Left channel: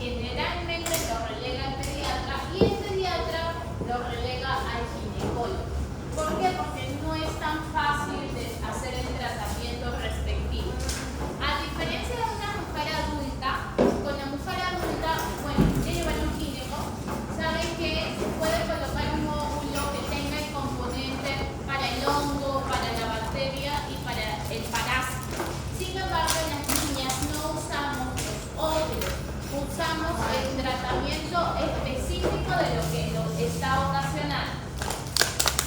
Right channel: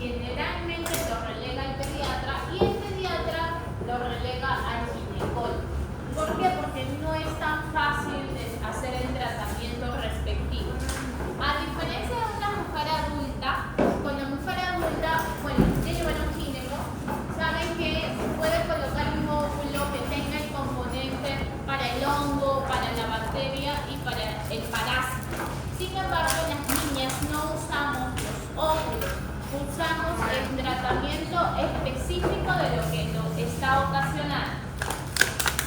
generalmente lo relega al pediatra y el pediatra lo relega al ginecólogo. ¿Por qué? Porque no es tan fácil de hacer el tratamiento respectivo. A diferencia de una mujer adulta, con la mujer adulta, bueno, lleva un gineco, saben que se puede colocar un óvulo que tenga el componente para el hongo, para la bacteria y para el parásito. Sin embargo, las niñas no usamos los óvulos, usamos el tratamiento específico de lo que lo está ocasionando.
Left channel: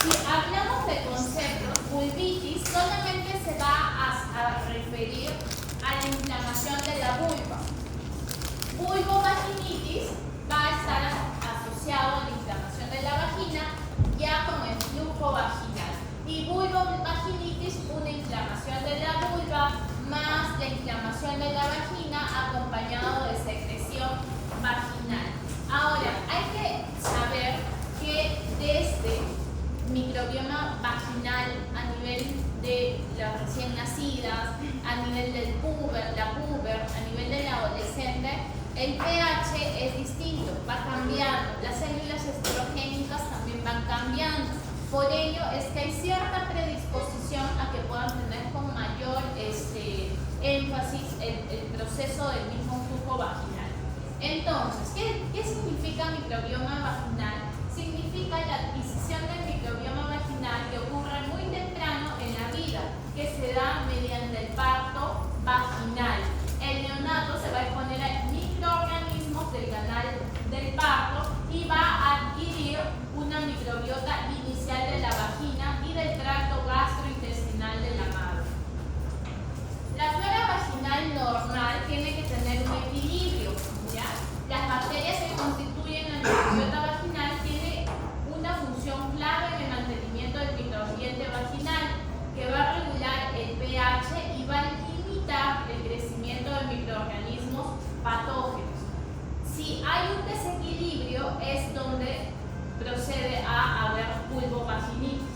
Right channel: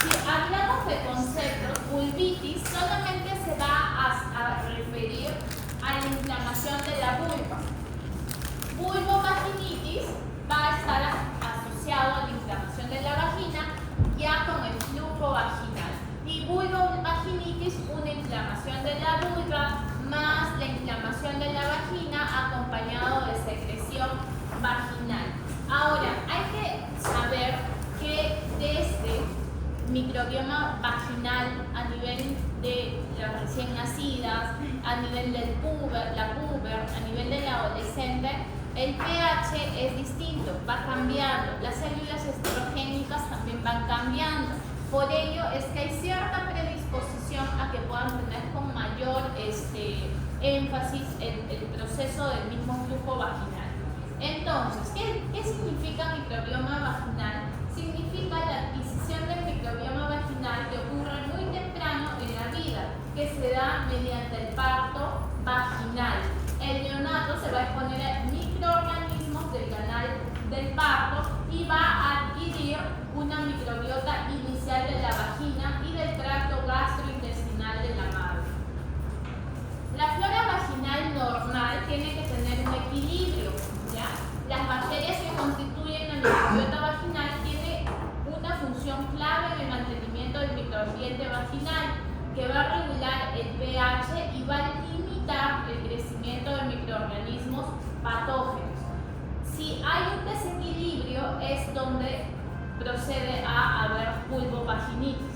Si hablamos de conceptos, vulvitis solamente se va a referir a la inflamación de la vulva. Vulvovaginitis va a estar asociado a la inflamación de la vagina ya con el flujo vaginal. Y vulvovaginitis, una inflamación de la vulva más la inflamación de la vagina acompañado de secreción vaginal. Ahora, hay que saber que desde microbioma vaginal a nivel de las recién nacidas, a nivel del la puber, a nivel del adolescente, el pH es distinto, va cambiando, las células estrogénicas también van cambiando. Por ello es que hay cierta predisposición a que puedan tener con mayor énfasis el proceso del mismo flujo vaginal. Entonces, ¿qué significa microbioma vaginal? Significa la adquisición del microbioma vaginal que ocurre muy temprano en la vida, que se da mediante el parto vaginal. El neonato se va a exponer a microorganismos del canal del parto y va a adquirir una microbiota inicial de la vagina y del tracto gastrointestinal de la madre. La flora vaginal normal tiene que tener un equilibrio, ¿ya? Las bacterias que constituyen la microbiota vaginal tienen una función clave en el mantenimiento del microambiente vaginal, que va a regular el pH y va a limitar el crecimiento de microorganismos patógenos. Si hay un desequilibrio es donde procede a haber vulvovaginitis.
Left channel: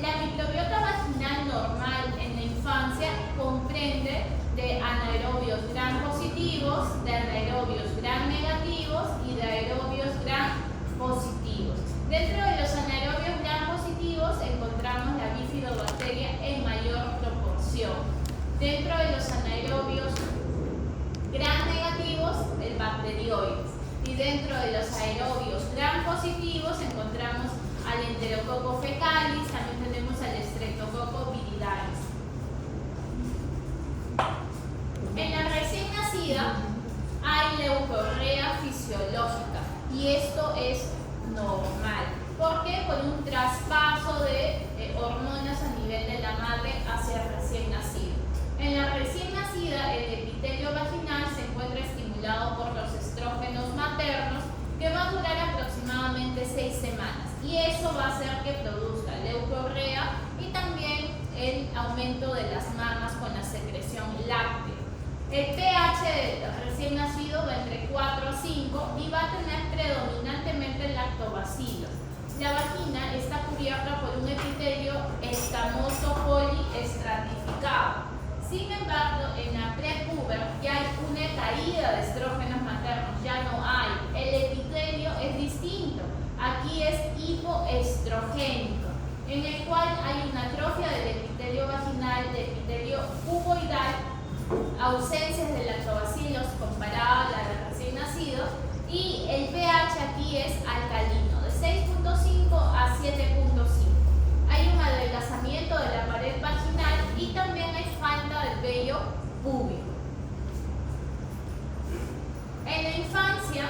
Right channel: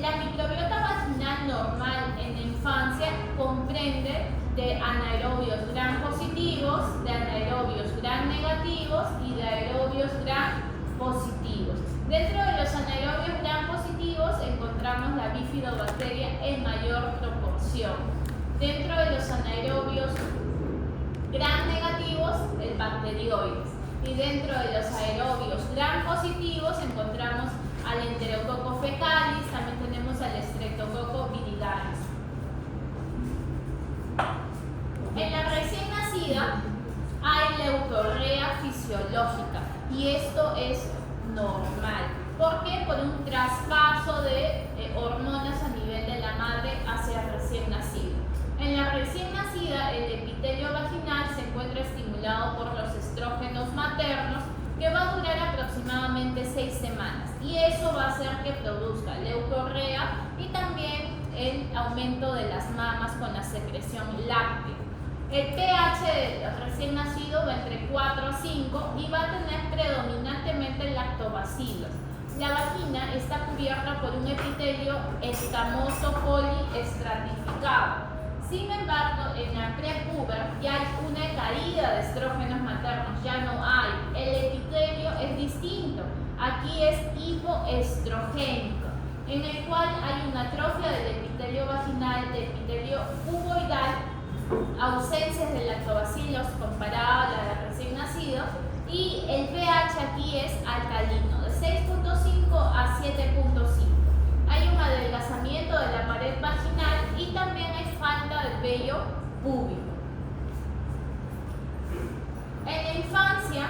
La microbiota vaginal normal en la infancia comprende de anaerobios gram positivos, de anaerobios gram negativos y de aerobios gram positivos. Dentro de los anaerobios gram positivos encontramos la bifidobacteria en mayor proporción. Dentro de los anaerobios gram negativos, el bacterioides. Y dentro de los aerobios gram positivos encontramos al enterococo fecalis, también tenemos al streptococo viridalis. En la recién nacida hay leucorrea fisiológica y esto es normal. ¿Por qué? Por un traspaso de hormonas a nivel de la madre hacia el recién nacido. En la recién nacida, el epitelio vaginal se encuentra estimulado por los estrógenos maternos, que va a durar aproximadamente 6 semanas. Y eso va a hacer que produzca leucorrea y también el aumento de las mamas con la secreción láctea. El pH del recién nacido va entre 4 a 5 y va a tener predominantemente lactobacilos. La vagina está cubierta por un epitelio escamoso poliestratificado. Sin embargo, en la prepuber ya hay una caída de estrógenos maternos, ya no hay. El epitelio es distinto. Aquí es hipoestrogénico, en el cual hay una atrofia del epitelio vaginal, del epitelio cuboidal, ausencias de lactobacilos comparada a la de recién nacido, y el pH aquí es alcalino, de 6.5 a 7.5. Hay un adelgazamiento de la pared vaginal y también hay falta de vello púbico. En la infancia,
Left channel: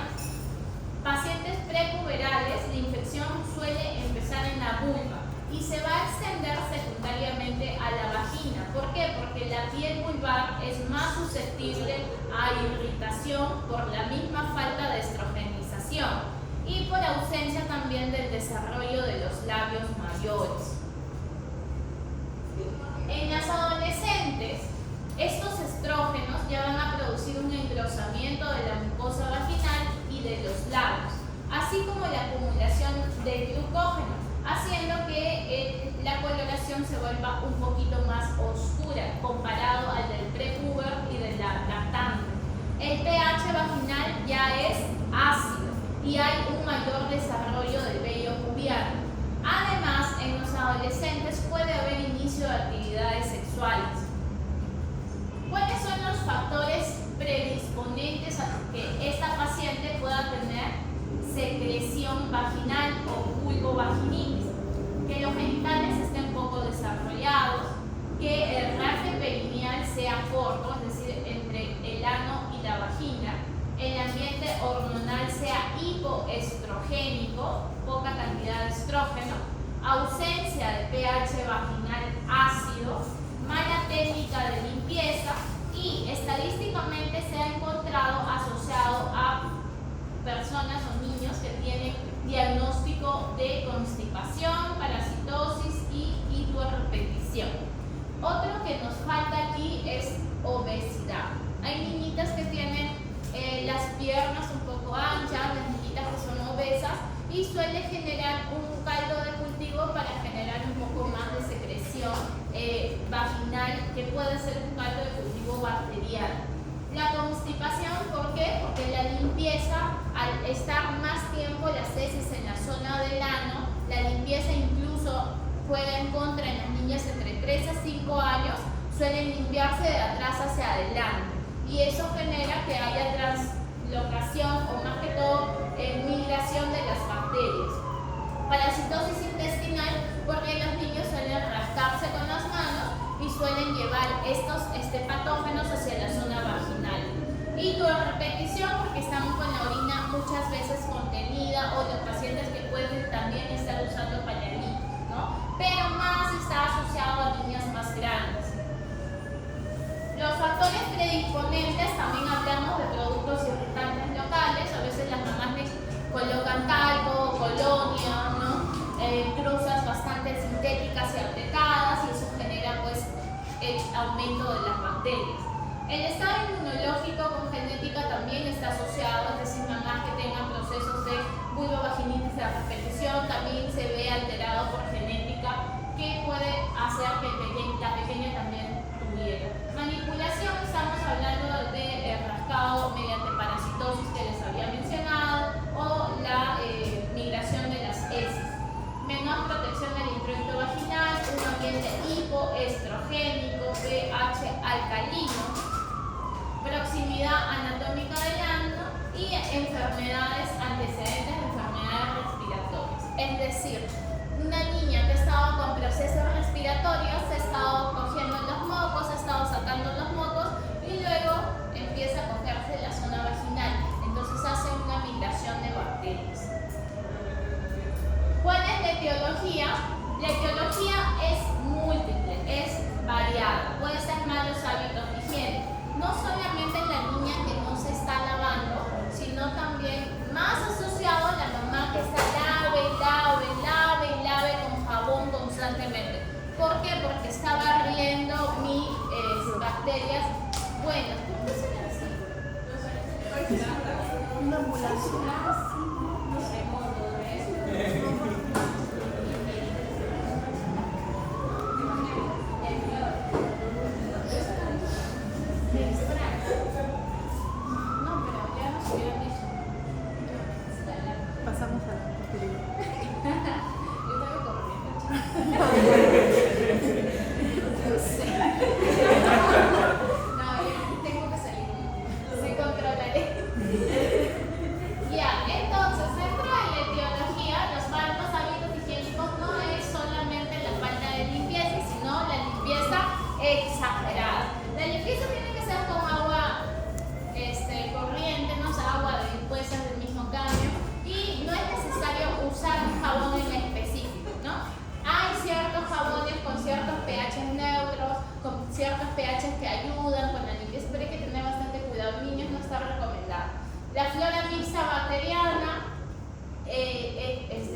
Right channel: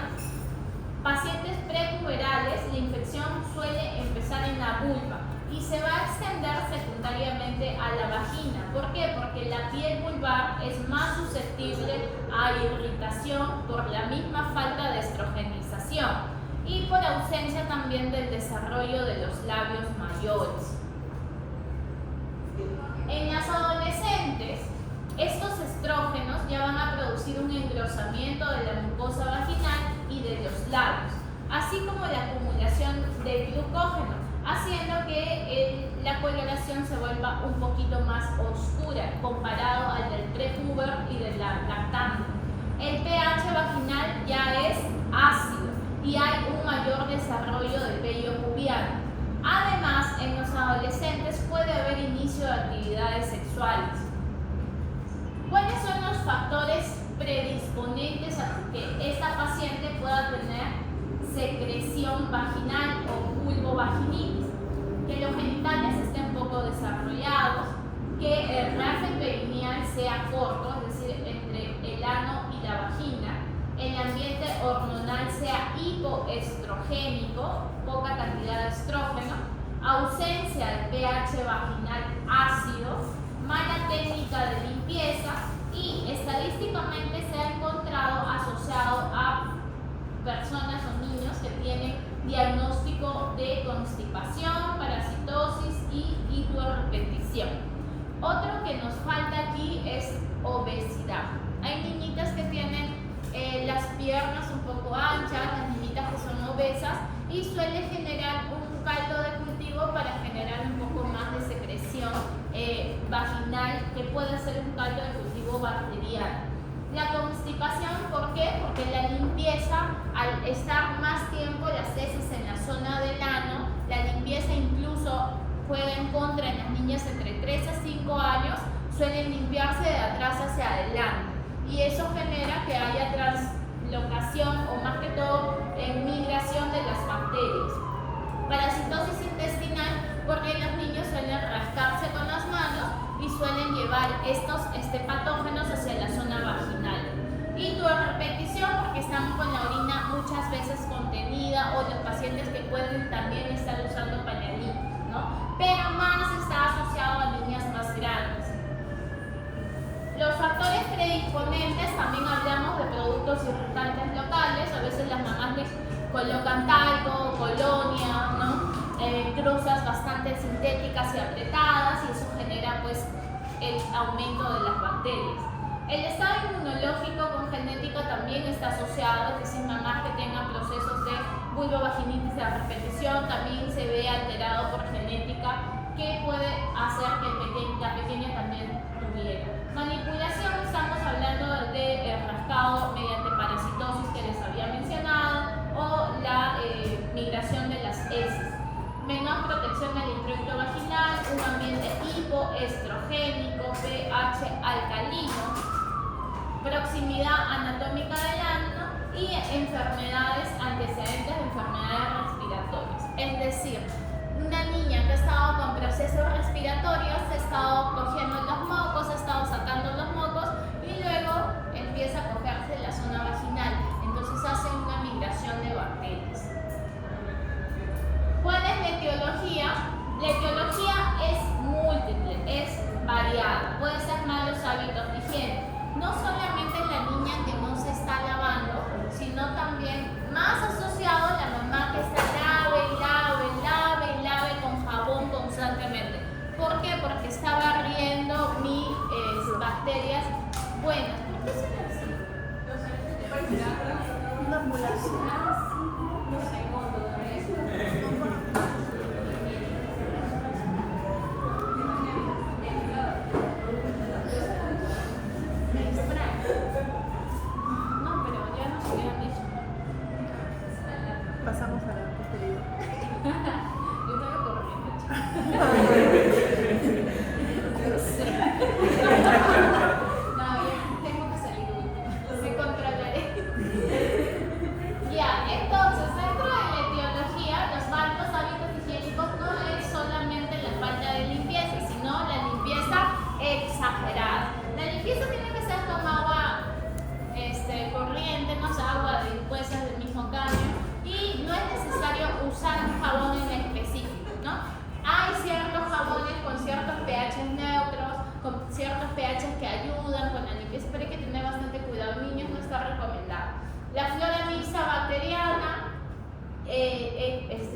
pacientes prepuberales, la infección suele empezar en la vulva y se va a extender secundariamente a la vagina. ¿Por qué? Porque la piel vulvar es más susceptible a irritación por la misma falta de estrogenización y por ausencia también del desarrollo de los labios mayores. En las adolescentes, estos estrógenos ya van a producir un engrosamiento de la mucosa vaginal y de los labios, así como la acumulación de glucógeno, haciendo que la coloración se vuelva un poquito más oscura comparado al del prepuber y de la lactante. El pH vaginal ya es ácido y hay un mayor desarrollo del vello pubiano. Además, en los adolescentes puede haber inicio de actividades sexuales. ¿Cuáles son los factores predisponentes a que esta paciente pueda tener secreción vaginal o vulvovaginitis? Que los genitales estén poco desarrollados, que el raje perineal sea corto, es decir, entre el ano y la vagina, el ambiente hormonal sea hipoestrogénico, poca cantidad de estrógeno, ausencia de pH vaginal ácido, mala técnica de limpieza y estadísticamente se ha encontrado asociado a personas o niños que tienen diagnóstico de constipación, parasitosis y hiporrepetición. Otro que nos falta aquí es obesidad. Hay niñitas que tienen las piernas un poco anchas, las niñitas que son obesas y suele generar un caldo de cultivo para generar un poco más de secreción vaginal, que puede ser un caldo de cultivo bacteriano. La constipación, ¿por qué? Porque la limpieza, al estar más tiempo las heces en la zona del ano, la limpieza incluso juega en contra en las niñas entre 3 a 5 años, suelen limpiarse de atrás hacia adelante y eso genera que haya translocación o más que todo migración de las bacterias. Parasitosis intestinal, porque los niños suelen rascarse con las manos y suelen llevar estos patógenos hacia la zona vaginal. Y repetición, porque estamos con la orina muchas veces contenida o de pacientes que pueden también estar usando pañalitos, ¿no? Pero más está asociado a niñas más grandes. Los factores predisponentes, también hablamos de productos irritantes locales, a veces las mamás les colocan talco, colonia, ¿no? Cruzas bastante sintéticas y apretadas y eso genera pues el aumento de las bacterias. El estado inmunológico con genética también está asociado, es decir, mamás que tengan procesos de vulvovaginitis a repetición también se ve alterado por genética, que puede hacer que la pequeña también tuviera. Manipulación, estamos hablando de rascado mediante parasitosis que les había mencionado o la migración de las heces. Menor protección del introito vaginal, un ambiente hipoestrogénico, pH alcalino, proximidad anatómica del ano y enfermedades antecedentes de enfermedades respiratorias. Es decir, una niña que ha estado con procesos respiratorios, ha estado cogiendo los mocos, ha estado sacando los mocos y luego empieza a cogerse la zona vaginal. Entonces hace una migración de bacterias. ¿Cuál es la etiología? La etiología es múltiple, es variada. Puede ser malos hábitos de higiene. No solamente la niña que no se está lavando, sino también más asociado a la mamá que está lave con jabón constantemente. ¿Por qué? Porque está barriendo mis bacterias buenas. ¿Por qué son así? No sé cómo.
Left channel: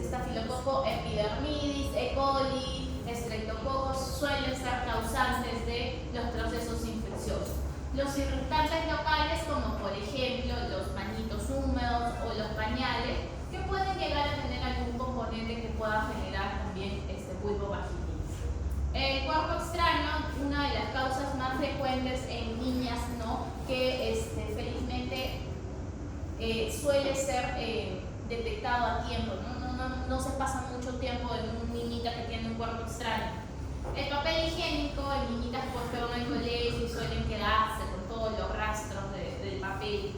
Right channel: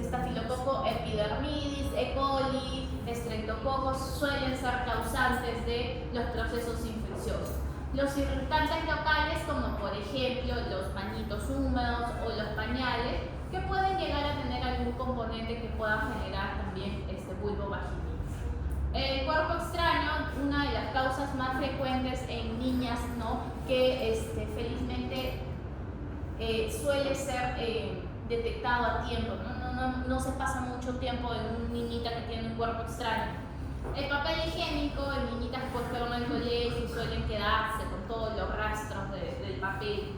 Estafilococo epidermidis, E. coli, estreptococos suelen ser causantes de los procesos infecciosos. Los irritantes locales, como por ejemplo los pañitos húmedos o los pañales, que pueden llegar a tener algún componente que pueda generar también vulvovaginitis. El cuerpo extraño, una de las causas más frecuentes en niñas, ¿no? Que felizmente suele ser detectado a tiempo, no se pasa mucho tiempo en una niñita que tiene un cuerpo extraño. El papel higiénico, en niñitas que fueron al colegio y suelen quedarse con todos los rastros del papel.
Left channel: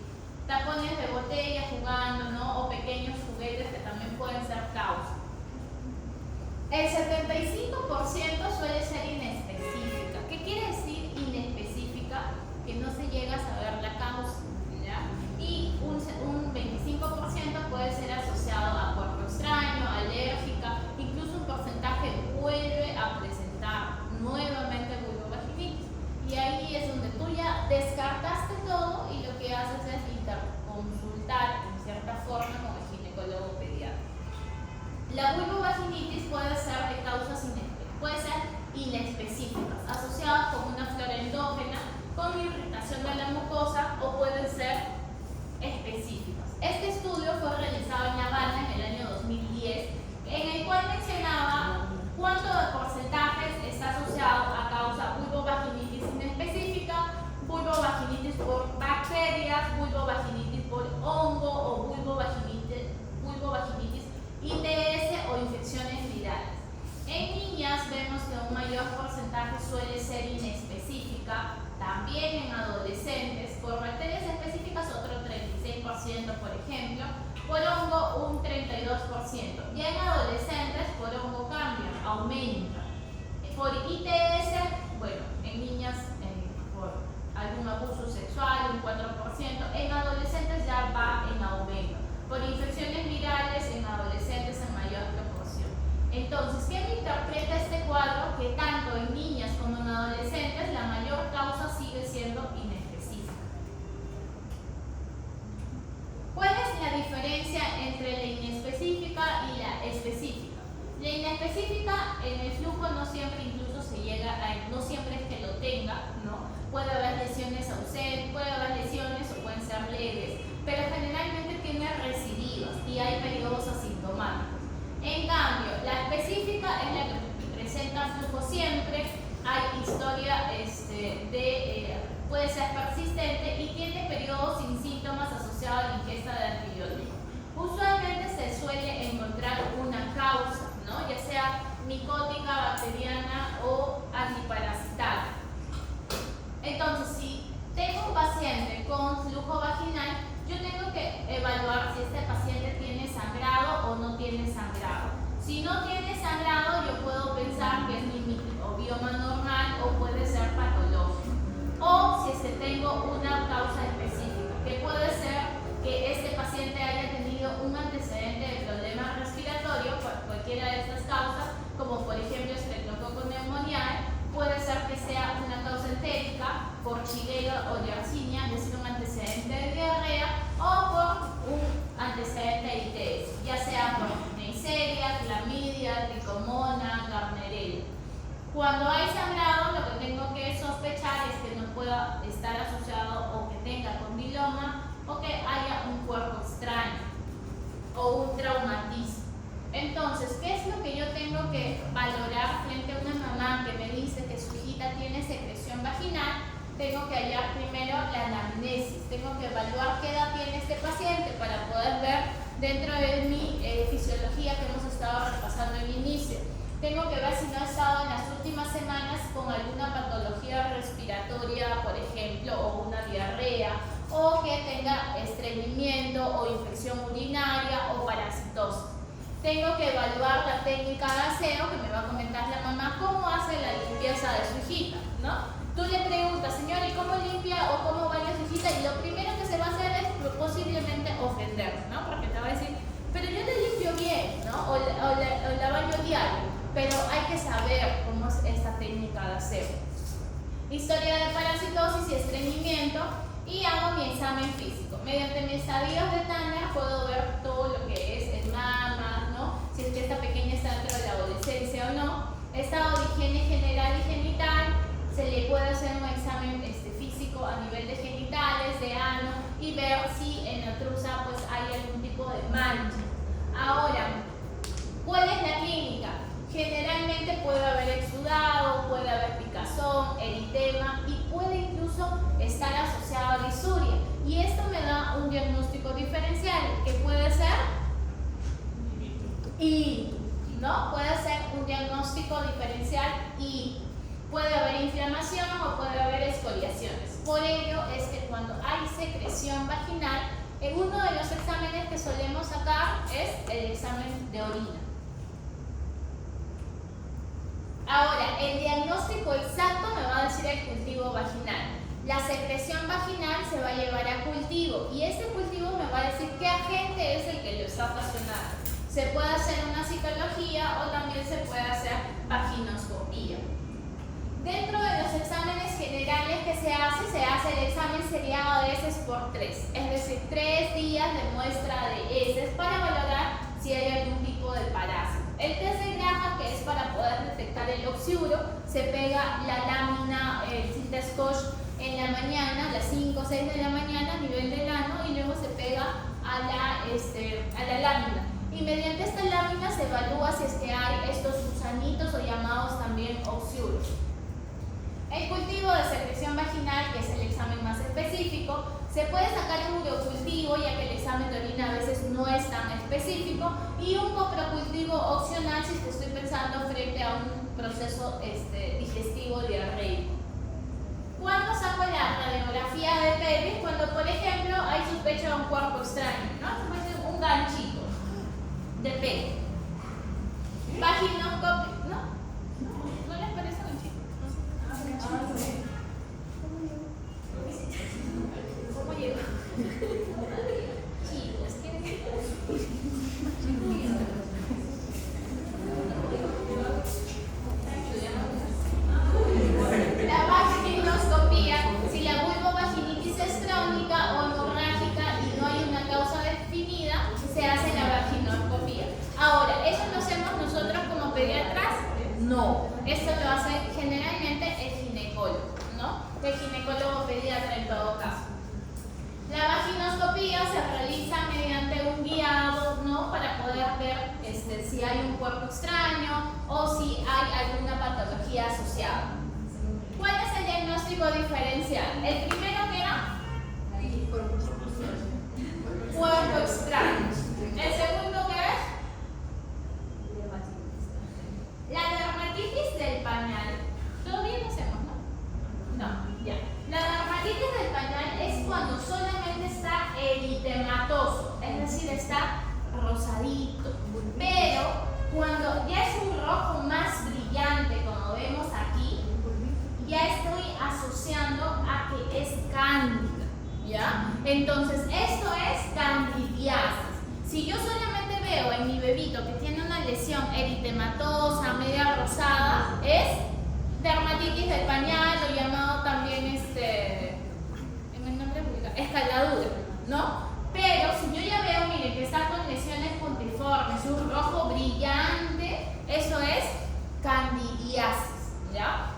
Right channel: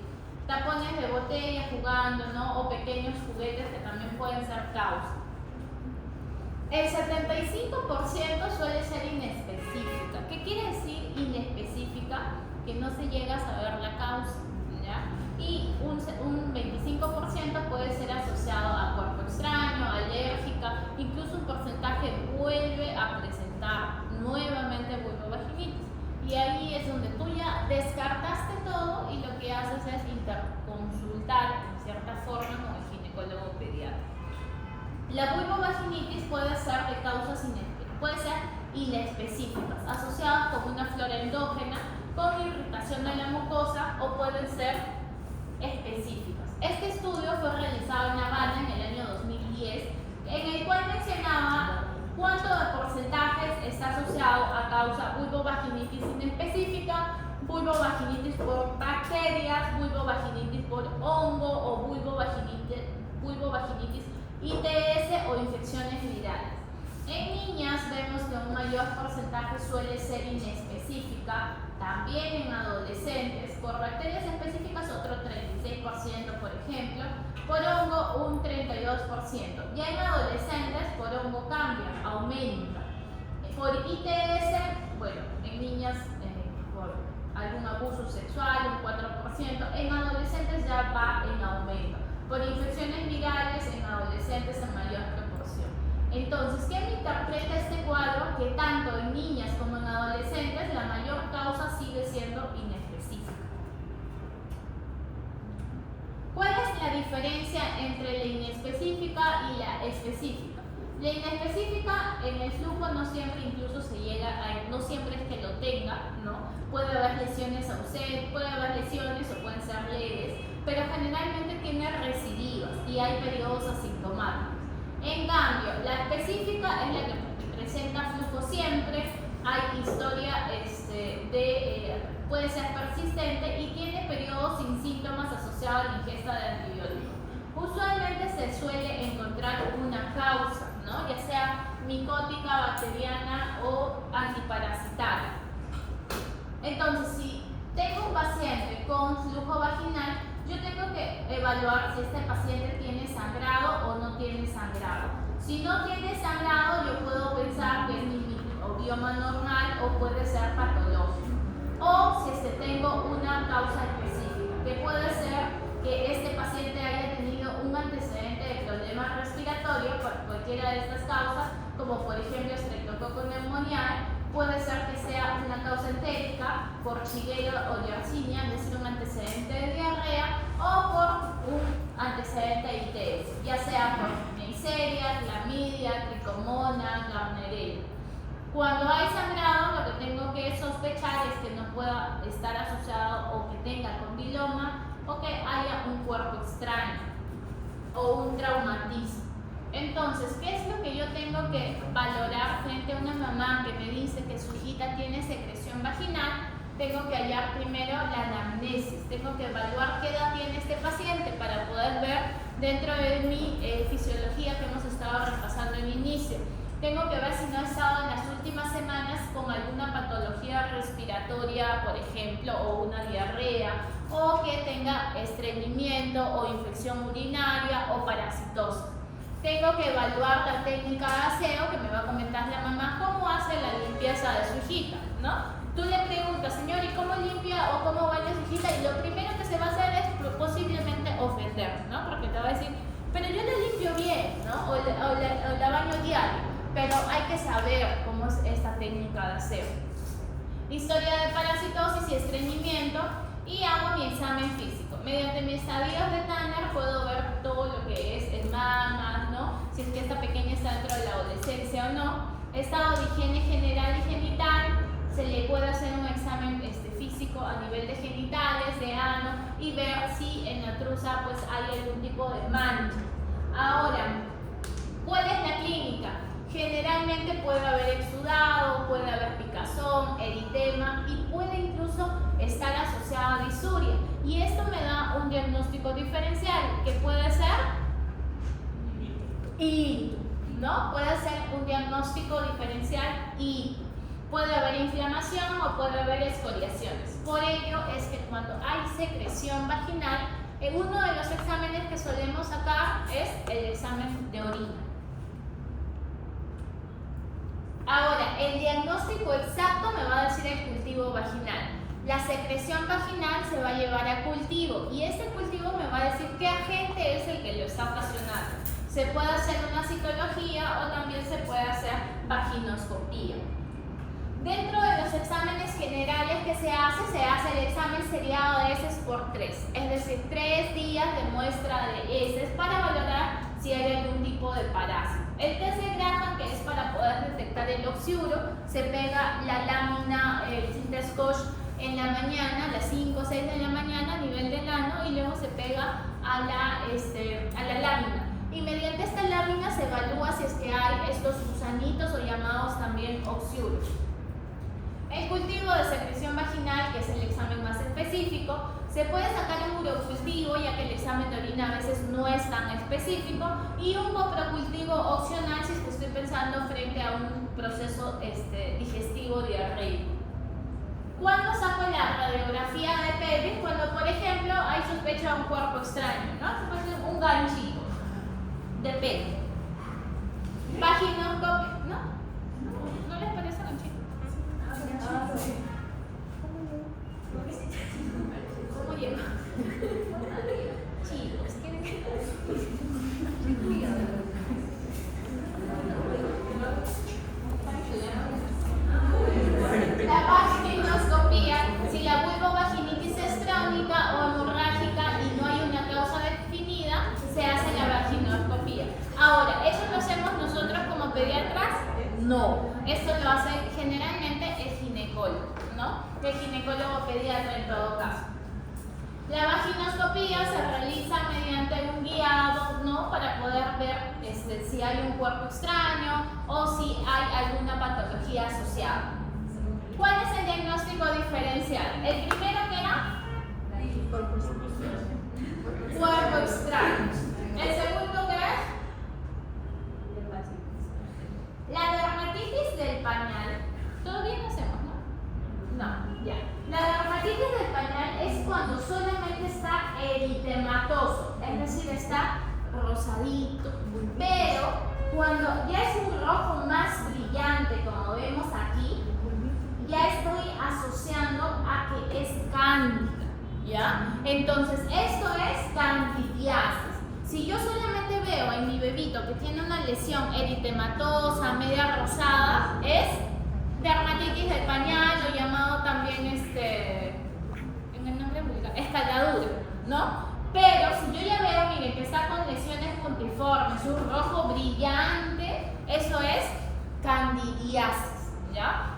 Tapones de botella jugando, ¿no? O pequeños juguetes que también pueden ser causa. El 75% suele ser inespecífica. ¿Qué quiere decir inespecífica? Que no se llega a saber la causa, ¿ya? Y un 25% puede ser asociado a cuerpo extraño, alérgica, incluso un porcentaje vuelve a presentar nuevamente vulvovaginitis. Y ahí es donde tú ya descartaste todo y lo que haces es interconsultar en cierta forma con el ginecólogo pediatra. La vulvovaginitis puede ser de causas inespecíficas, asociadas con una flora endógena, con irritación de la mucosa, o pueden ser específicas. Este estudio fue realizado en La Habana en el año 2010, en el cual mencionaba cuánto de porcentajes está asociado a causa vulvovaginitis inespecífica, vulvovaginitis por bacterias, vulvovaginitis por hongo o vulvovaginitis ITS o infecciones virales. En niñas vemos que un mayor porcentaje suele ser inespecífica, también en adolescentes, por bacterias específicas otro 36%, por ejemplo, por hongo un 32%. Ya en adolescentes por hongo cambia, aumenta. Por ITS, bueno, en niñas por algún abuso sexual un 4%, en adolescentes ya va en aumento. Por infecciones virales en adolescentes en mayor proporción. Entonces, ¿qué me interpreta este cuadro? Que tanto en niñas como en adolescentes la mayor causa sigue siendo inespecífica. ¿Cuál es la diferencia entre la inespecífica y la específica? La inespecífica en el flujo no siempre incluso se llega a, no siempre es que lo tenga, ¿no? Puede haber lesiones ausentes, puede haber lesiones o pueden ser leves, pero generalmente tiene recidivas y hay periodos asintomáticos. En cambio, la específica es la que presenta flujo siempre, hay historia puede ser persistente y tiene periodos sin síntomas asociados a la ingesta de antibióticos. Usualmente se suele encontrar una causa, ¿no? Ya sea micótica, bacteriana o antiparasitaria. Entonces, si tengo un paciente con flujo vaginal, yo tengo que evaluar si este paciente tiene sangrado o no tiene sangrado. Si no tiene sangrado, yo puedo pensar que es mi microbioma normal o puede ser patológico. O si tengo una causa específica, que puede ser que este paciente haya tenido un antecedente de problema respiratorio por cualquiera de estas causas, como por ejemplo estreptococcus pneumoniae, puede ser que sea una causa entérica por Shigella o Yersinia, es decir, un antecedente de diarrea, o por un antecedente de ITS, ya sea por Neisseria, clamidia, tricomona, Gardnerella. Cuando hay sangrado, lo que tengo que sospechar es que no pueda estar asociado o que tenga condiloma o que haya un cuerpo extraño o un traumatismo. Entonces, ¿qué es lo que yo tengo que valorar frente a una mamá que me dice que su hijita tiene secreción vaginal? Tengo que hallar primero la anamnesis, tengo que evaluar qué edad tiene este paciente para poder ver dentro de mi fisiología que hemos estado repasando al inicio. Tengo que ver si no ha estado en las últimas semanas con alguna patología respiratoria, por ejemplo, o una diarrea, o que tenga estreñimiento o infección urinaria o parasitosis. Tengo que evaluar la técnica de aseo, que me va a comentar la mamá cómo hace la limpieza de su hijita, ¿no? Tú le preguntas, señor, ¿y cómo limpia o cómo baña su hijita? Y lo primero que se va a hacer es posiblemente ofender, ¿no? Porque te va a decir, pero yo la limpio bien, ¿no? O la baño diario. Pero hay que saber cómo es esta técnica de aseo. Historia de parasitosis y estreñimiento, y hago mi examen físico. Mediante mis estadios de Tanner puedo ver todo lo que es el mama, ¿no? Si es que esta pequeña está dentro de la adolescencia o no. Estado de higiene general y genital, se le puede hacer un examen físico a nivel de genitales, de ano, y ver si en la truza pues, hay algún tipo de mancha. Ahora, ¿cuál es la clínica? Generalmente puede haber exudado, puede haber picazón, eritema y puede incluso estar asociado a disuria. Y esto me da un un diagnóstico diferencial que puede ser y, ¿no? Puede ser un diagnóstico diferencial y puede haber inflamación o puede haber escoriaciones. Por ello es que cuando hay secreción vaginal, uno de los exámenes que solemos sacar es el examen de orina. Ahora, el diagnóstico exacto me va a decir el cultivo vaginal. La secreción vaginal se va a llevar a cultivo y este cultivo me va a decir qué agente es el que lo está ocasionando. Se puede hacer una citología o también se puede hacer vaginoscopía. Dentro de los exámenes generales que se hace el examen seriado de heces por 3, es decir, 3 días de muestra de heces para valorar si hay algún tipo de parásito. El test de Graham, que es para poder detectar el oxiuro, se pega la lámina, el Cintascosh en la mañana, a las 5 o 6 de la mañana a nivel del ano y luego se pega a la lámina. Y mediante esta lámina se evalúa si es que hay estos gusanitos o llamados también oxiuros. El cultivo de secreción vaginal, que es el examen más específico, se puede sacar un urocultivo, ya que el examen de orina a veces no es tan específico, y un coprocultivo opcional si es que estoy pensando frente a un proceso digestivo diarreico. ¿Cuándo saco la radiografía de pelvis? Cuando, por ejemplo, hay sospecha de un cuerpo extraño, ¿no? Un ganchito de pelo. Vaginoscopio, ¿no? ¿No les parece ganchito? ¿Cómo llega? Chicos, ¿quieren que... La vaginoscopía, si la vulvovaginitis es crónica o hemorrágica y no hay una causa definida, se hace la vaginoscopía. Ahora, ¿eso lo hacemos nosotros como pediatras? No, esto lo hace generalmente el ginecólogo, ¿no? El ginecólogo pediatra en todo caso. La vaginoscopía se realiza mediante un guiado, ¿no? Para poder ver si hay un cuerpo extraño o si hay alguna patología asociada. ¿Cuál es el diagnóstico diferencial? El primero que era cuerpo extraño. El segundo que es la dermatitis del pañal. Todavía no hacemos, ¿no? No, ya. La dermatitis del pañal es cuando solamente está eritematoso, es decir, está rosadito. Pero cuando ya es un rojo más brillante, como vemos aquí, ya estoy asociando a que es cándida, ¿ya? Entonces, esto es candidiasis. Si yo solamente veo en mi bebito que tiene una lesión eritematosa, media rosada, es dermatitis del pañal, o llamado también, en el nombre vulgar, escaladura, ¿no? Pero si yo ya veo, miren, que está con lesiones puntiformes, un rojo brillante, eso es candidiasis, ¿ya?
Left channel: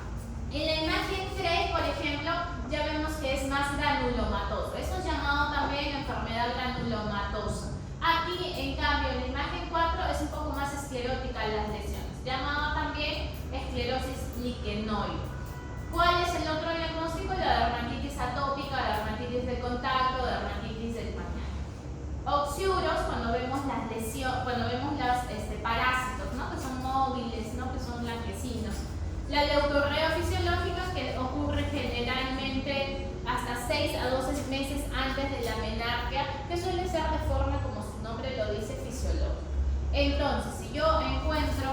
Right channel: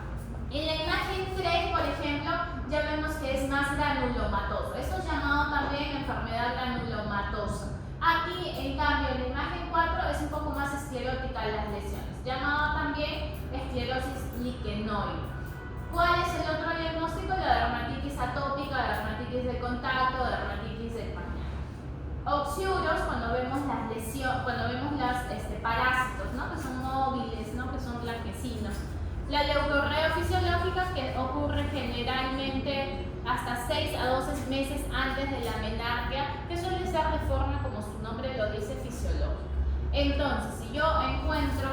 En la imagen 3, por ejemplo, ya vemos que es más granulomatoso. Esto es llamado también enfermedad granulomatosa. Aquí, en cambio, en la imagen 4 es un poco más esclerótica las lesiones, llamado también esclerosis liquenoide. ¿Cuál es el otro diagnóstico? La dermatitis atópica, dermatitis de contacto, dermatitis del pañal. Oxiuros, cuando vemos las lesiones, cuando vemos los parásitos, ¿no? Que son móviles, ¿no? Que son blanquecinos. La leucorrea fisiológica, que ocurre generalmente hasta 6 a 12 meses antes de la menarquia, que suele ser de forma, como su nombre lo dice, fisiológica. Entonces, si yo encuentro,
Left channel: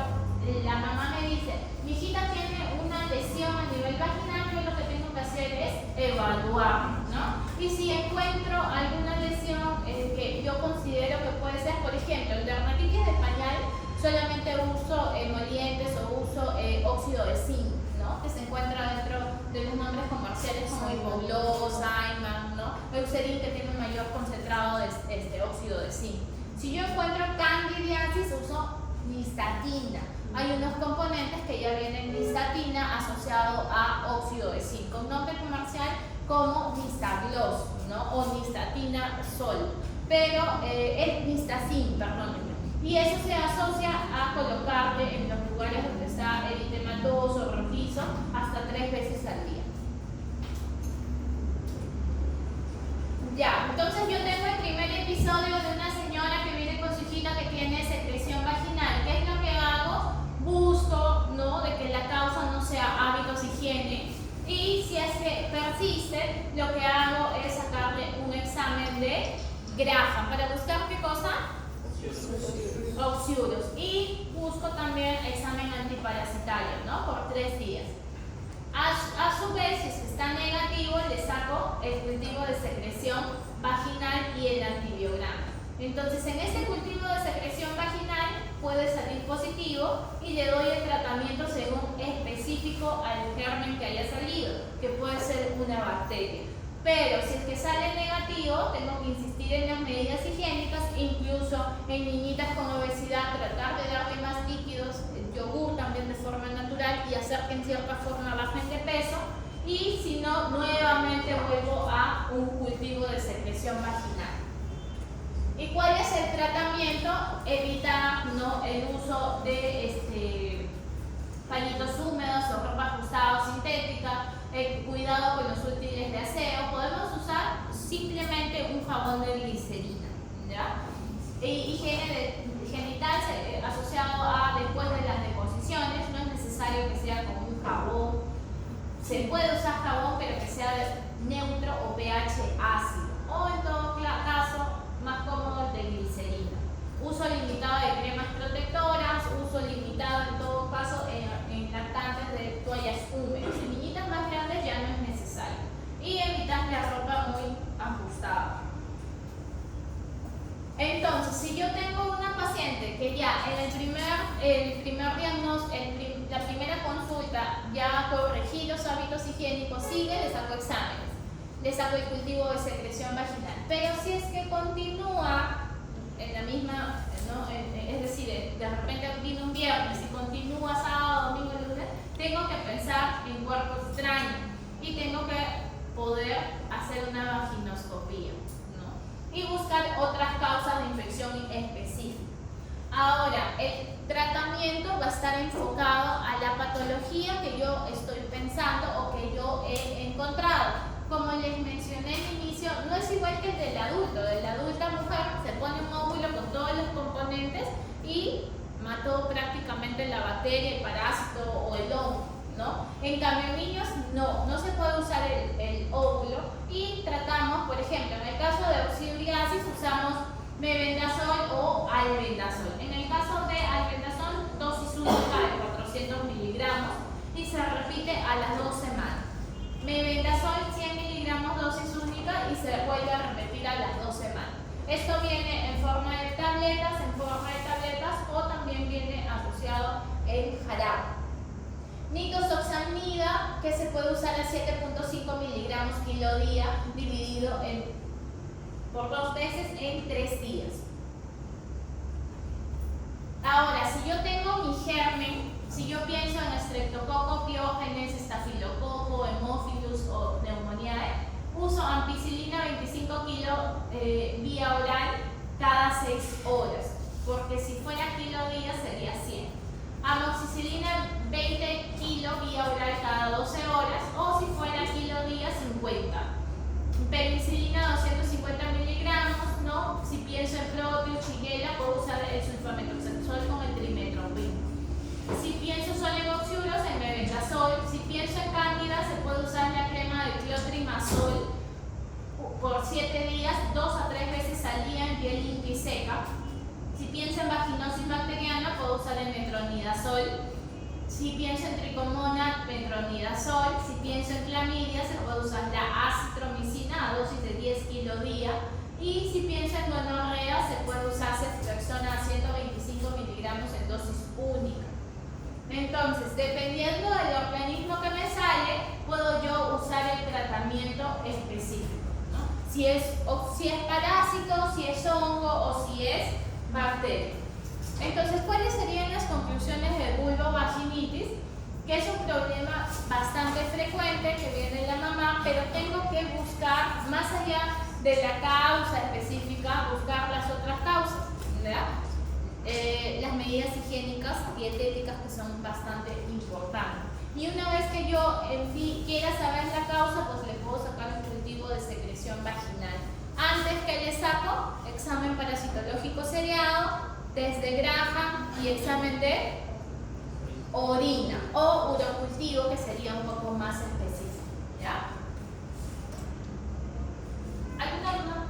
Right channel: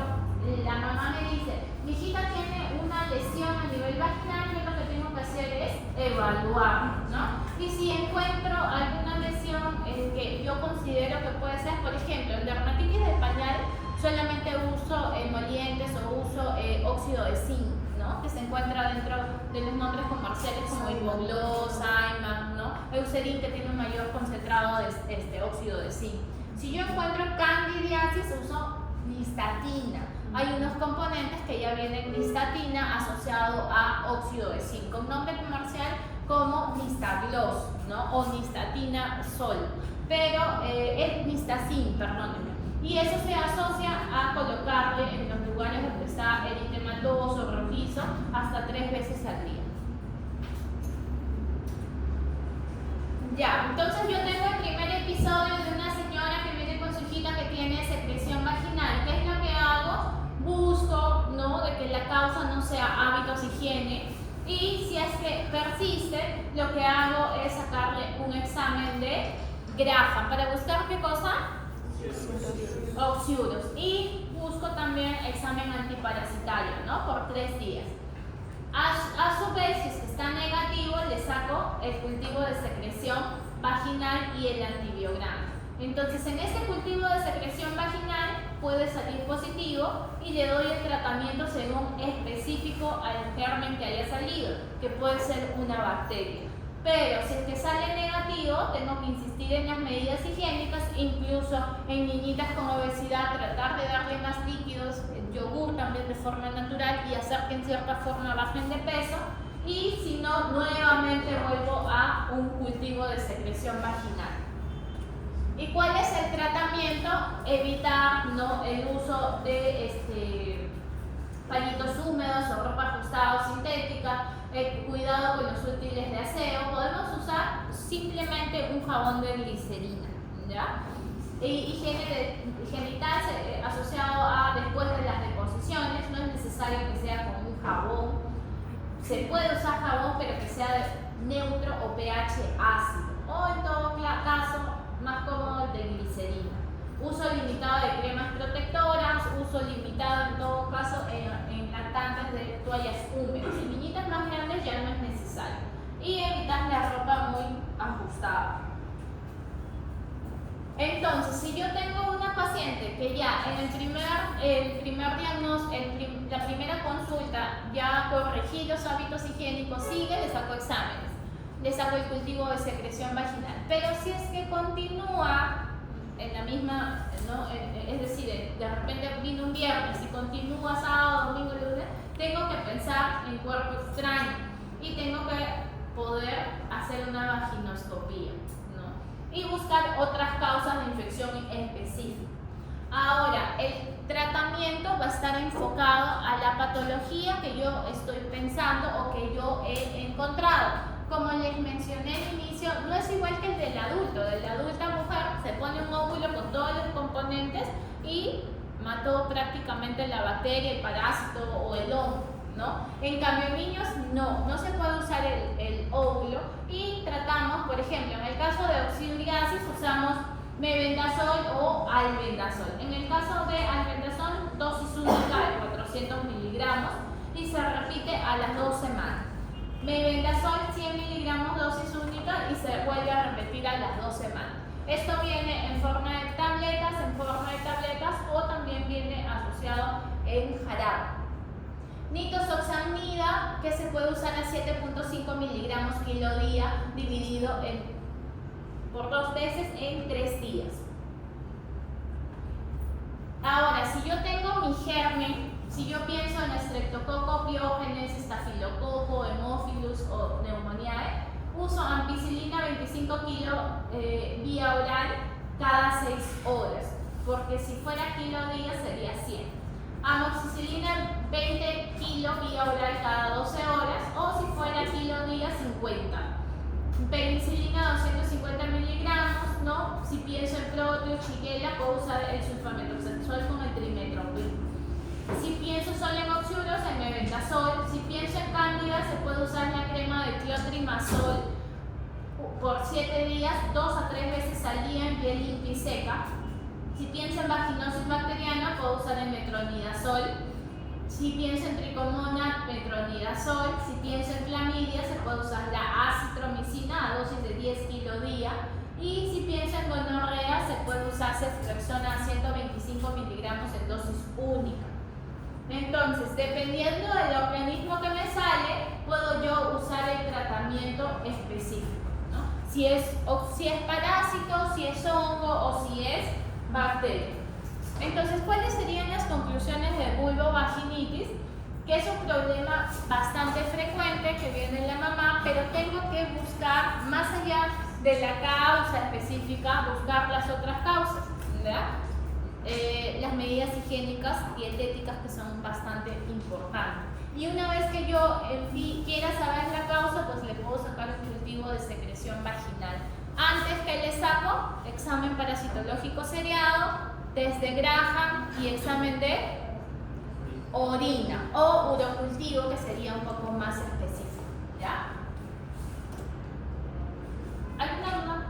la mamá me dice, mi hijita tiene una lesión a nivel vaginal, yo lo que tengo que hacer es evaluar, ¿no? Y si encuentro alguna lesión que yo considero que puede ser, por ejemplo, el dermatitis del pañal, solamente uso emolientes o uso óxido de zinc, ¿no? Que se encuentra dentro de los nombres comerciales como Ivogloss, Imax, ¿no? Eucerin, que tiene un mayor concentrado de óxido de zinc. Si yo encuentro candidiasis, uso nistatina. Hay unos componentes que ya vienen nistatina asociado a óxido de zinc, con nombre comercial como Nistagloss, ¿no? O nistatina sol, pero es nistacin, perdónenme. Y eso se asocia a colocarle en los lugares donde está eritematoso, rojizo, hasta 3 veces al día. Ya, entonces yo tengo Graham, para buscar ¿qué cosa? Oxiuros. Y busco también examen antiparasitario, ¿no? Por 3 días. A su vez, si es que está negativo, le saco el cultivo de secreción vaginal y el antibiograma. Entonces, en este cultivo de secreción vaginal puede salir positivo y le doy el tratamiento según específico al germen que haya salido, que puede ser una bacteria. Pero si es que sale negativo, tengo que insistir en las medidas higiénicas, incluso en niñitas con obesidad, tratar de darle más líquidos, el yogur también de forma natural y hacer que en cierta forma bajen de peso. Y si no, nuevamente vuelvo a un cultivo de secreción vaginal. ¿Y cuál es el tratamiento? Evitar, ¿no?, el uso de palitos húmedos o ropa ajustada o sintética, cuidado con los útiles de aseo. Podemos usar simplemente un jabón de glicerina, ¿ya? Higiene genital asociado a después de las deposiciones, no es necesario que sea con un jabón. Se puede usar jabón, pero que sea neutro o pH ácido, o en todo caso más cómodo de glicerina. Uso limitado de cremas protectoras, uso limitado en todo caso en lactantes de toallas húmedas. En niñitas más grandes ya no es necesario. Y evitar la ropa muy ajustada. Entonces, si yo tengo una paciente que ya en el primer diagnóstico, la primera consulta, ya corregí los hábitos higiénicos, sigue, le saco exámenes, le saco el cultivo de secreción vaginal. Pero si es que continúa en la misma, ¿no?, es decir, de repente vino un viernes y continúa sábado, domingo, lunes, tengo que pensar en cuerpo extraño y tengo que poder hacer una vaginoscopía, ¿no?, y buscar otras causas de infección específicas. Ahora, el tratamiento va a estar enfocado a la patología que yo estoy pensando o que yo he encontrado. Como les mencioné al inicio, no es igual que el del adulto. De la adulta mujer se pone un óvulo con todos los componentes y mató prácticamente la bacteria, el parásito o el hongo, ¿no? En cambio, en niños no se puede usar el óvulo y tratamos, por ejemplo, en el caso de oxiduriasis usamos mebendazol o albendazol. En el caso de albendazol, dosis única de 400 miligramos y se repite a las 2 semanas. Mebendazol 100 miligramos dosis única y se vuelve a repetir a las 2 semanas. Esto viene en forma de tabletas, o también viene asociado en jarabe. Nitoxamida, que se puede usar a 7.5 miligramos kilo día, dividido por 2 veces en 3 días. Ahora, si yo tengo mi germen, si yo pienso en Streptococcus pyogenes, estafilococo, Haemophilus o Pneumoniae, uso ampicilina 25 kilos vía oral cada 6 horas, porque si fuera kilo día sería 100. Amoxicilina 20 kilos vía oral cada 12 horas, o si fuera kilo día 50. Penicilina 250 miligramos, ¿no? Si pienso en Proteus, Shigella, puedo usar el sulfamethoxazol con el trimetoprim. Si pienso solo en oxiuros, el mebendazol. Si pienso en cándida, se puede usar la crema de clotrimazol por 7 días, 2 a 3 veces al día en piel limpia y seca. Si pienso en vaginosis bacteriana, puedo usar el metronidazol. Si pienso en tricomona, metronidazol. Si pienso en clamidia, se puede usar la acitromicina a dosis de 10 kilo día. Y si pienso en gonorrea, se puede usar ceftriaxona a 125 miligramos en dosis única. Entonces, dependiendo del organismo que me sale, puedo yo usar el tratamiento específico, ¿no? Si es parásito, si es hongo o si es bacteria. Entonces, ¿cuáles serían las conclusiones de vulvovaginitis? Que es un problema bastante frecuente que viene en la mamá, pero tengo que buscar, más allá de la causa específica, buscar las otras causas, ¿verdad? Las medidas higiénicas, dietéticas, que son bastante importantes. Y una vez que yo quiera saber la causa, pues le puedo sacar un cultivo de secreción vaginal. Antes que le saco, examen parasitológico seriado, test de Graham y examen de orina o urocultivo, que sería un poco más específico, ¿ya? ¿Alguna duda?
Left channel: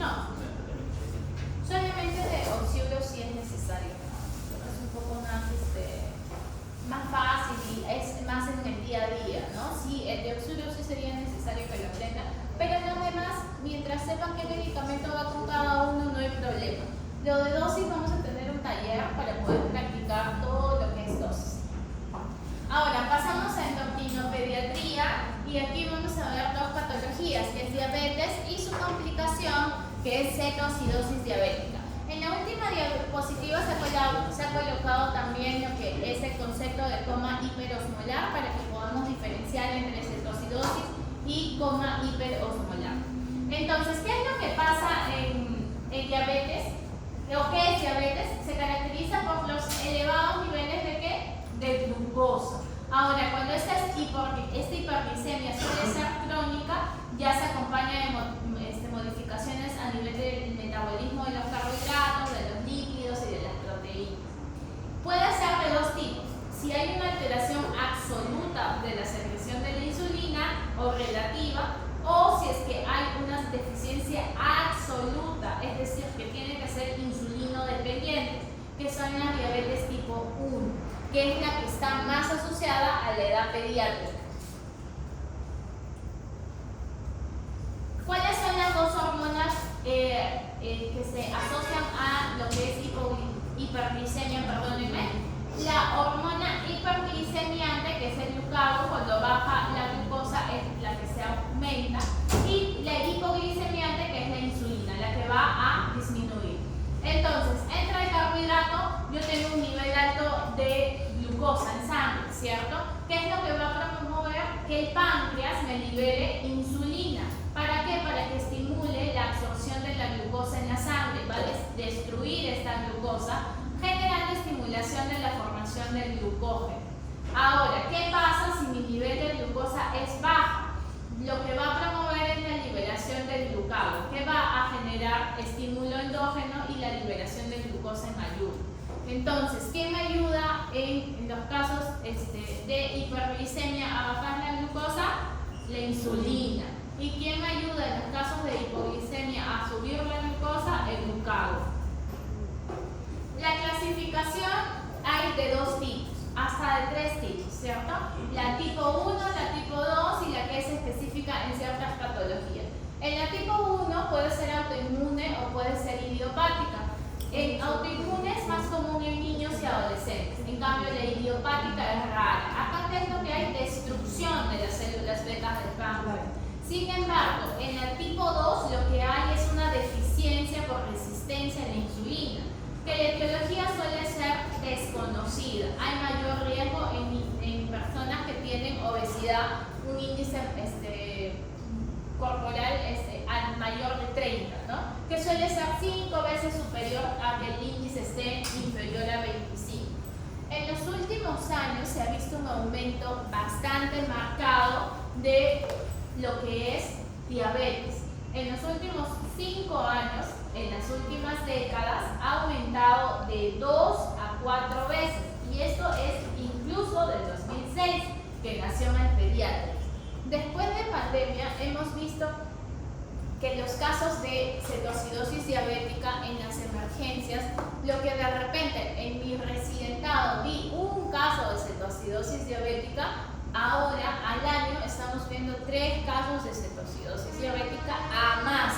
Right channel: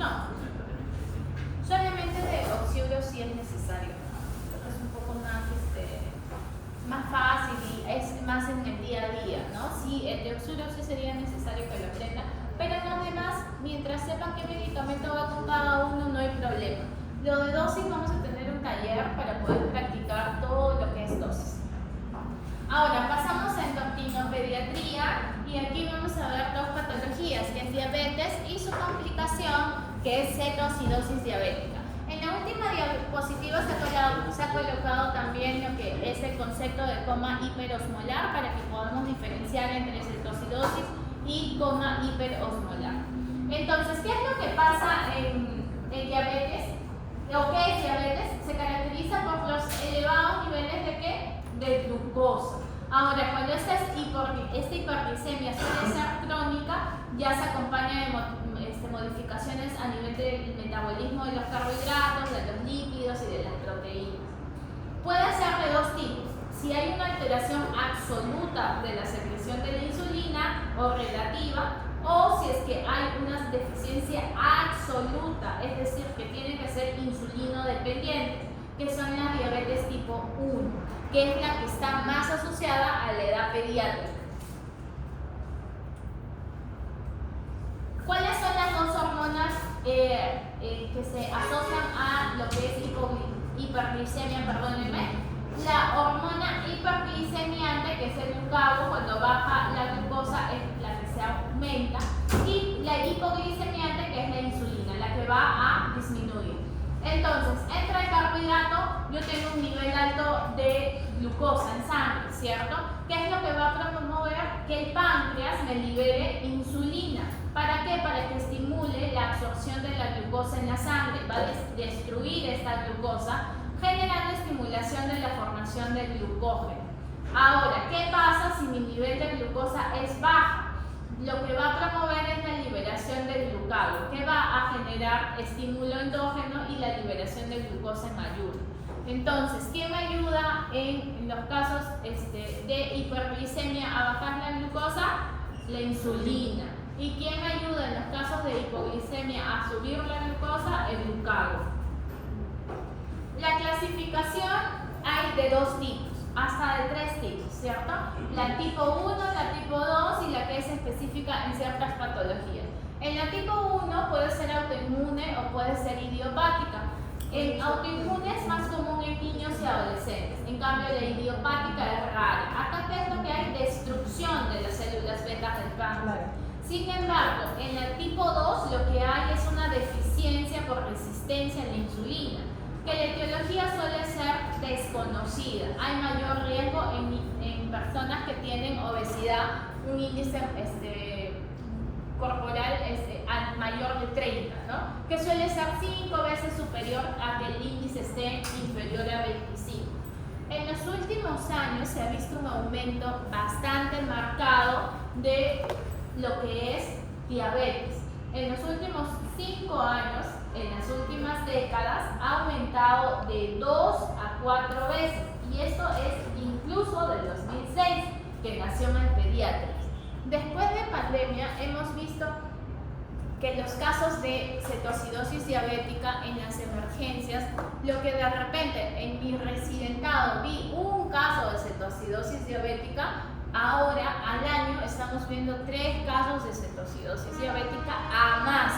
No. Solamente de auxilio sí es necesario. Es un poco más, más fácil y es más en el día a día, ¿no? Sí, el de auxilio sí sería necesario que lo aprendan, pero en los demás, mientras sepan qué medicamento va con cada uno, no hay problema. Lo de dosis vamos a tener un taller para poder practicar todo lo que es dosis. Ahora pasamos a endocrinopediatría y aquí vamos a ver dos patologías, que es diabetes y su complicación, que es cetoacidosis diabética. En la última diapositiva se ha colocado también lo que es el concepto de coma hiperosmolar para que podamos diferenciar entre cetoacidosis y coma hiperosmolar. Entonces, ¿qué es lo que pasa en diabetes? ¿O qué es diabetes? Se caracteriza por los elevados niveles de ¿qué? De glucosa. Ahora, cuando esta hiperglicemia suele ser crónica, ya se acompaña de modificaciones a nivel del metabolismo de los carbohidratos, de los lípidos y de las proteínas. Puede ser de dos tipos. Si hay una alteración absoluta de la secreción de la insulina o relativa, o si es que hay una deficiencia absoluta, es decir, que tiene que ser insulino dependiente, que son las diabetes tipo 1, que es la que está más asociada a la edad pediátrica. ¿Cuáles son las dos hormonas que se asocian a lo que es hiperglicemia? Perdónenme. La hormona hiperglicemiante, que es el glucago, cuando baja la glucosa es la que se aumenta, y la hipoglicemiante, que es la insulina, la que va a disminuir. Entonces, entra el carbohidrato, yo tengo un nivel alto de glucosa en sangre, ¿cierto? ¿Qué es lo que va a promover? Que el páncreas me libere insulina. ¿Para qué? Para que estimule la absorción de la glucosa en la sangre, va a destruir esta glucosa, generando estimulación de la formación del glucógeno. Ahora, ¿qué pasa si mi nivel de glucosa es bajo? Lo que va a promover es la liberación del glucago, que va a generar estímulo endógeno y la liberación de glucosa en ayuno. Entonces, ¿qué me ayuda en los casos de hiperglicemia a bajar la glucosa? La insulina. ¿Y quién me ayuda en los casos de hipoglicemia a subir la glucosa? El glucago. La clasificación hay de dos tipos, hasta de tres tipos, ¿cierto? La tipo 1, la tipo 2 y la que es específica en ciertas patologías. En la tipo 1 puede ser autoinmune o puede ser idiopática. El autoinmune es más común en niños y adolescentes, en cambio la idiopática es rara. Acá tengo que hay destrucción de las células betas del páncreas. Sin embargo, en la tipo 2 lo que hay es una deficiencia por resistencia a la insulina, que la etiología suele ser desconocida. Hay mayor riesgo en personas que tienen obesidad, un índice corporal al mayor de 30, ¿no? Que suele ser 5 veces superior a que el índice esté inferior a 25. En los últimos años se ha visto un aumento bastante marcado de lo que es diabetes. En los últimos 5 años, en las últimas décadas, ha aumentado de 2 a 4 veces. Y esto es incluso del 2006, que nació en el pediatra. Después de pandemia, hemos visto que los casos de cetoacidosis diabética en las emergencias, lo que de repente en mi residentado vi un caso de cetoacidosis diabética, ahora al año estamos viendo 3 casos de cetoacidosis diabética a más.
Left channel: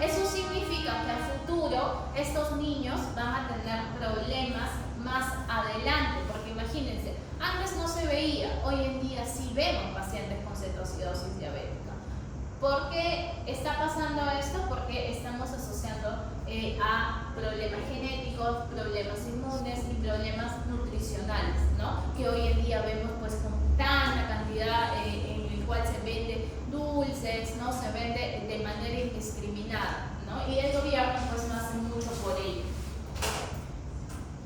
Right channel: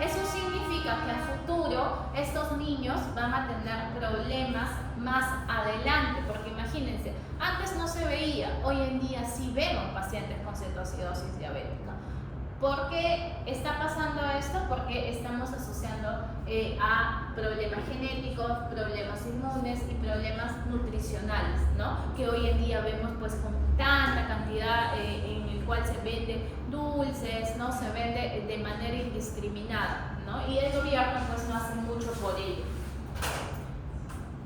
Eso significa que a futuro estos niños van a tener problemas más adelante, porque imagínense, antes no se veía, hoy en día sí vemos pacientes con cetoacidosis diabética. ¿Por qué está pasando esto? Porque estamos asociando a problemas genéticos, problemas inmunes y problemas nutricionales, ¿no? Que hoy en día vemos pues con tanta cantidad en el cual se vende dulces, ¿no? Se vende de manera indiscriminada, ¿no? Y el gobierno pues no hace mucho por ello.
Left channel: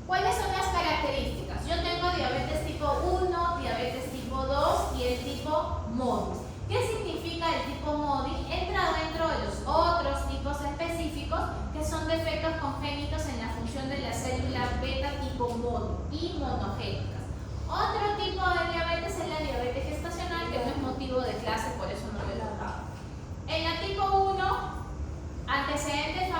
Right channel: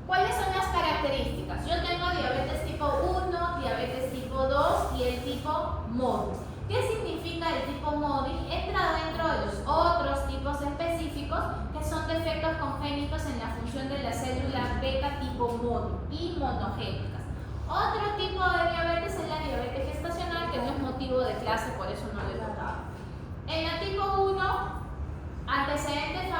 ¿Cuáles son las características? Yo tengo diabetes tipo 1, diabetes tipo 2 y el tipo móvil. ¿Qué significa el tipo móvil? Entra dentro de los otros tipos específicos que son defectos congénitos en la función de la célula beta tipo mono y monogénicas. Otro tipo de diabetes es la diabetes gestacional, que no es motivo de clase, por eso no lo he tocado. En la tipo 1, antecedentes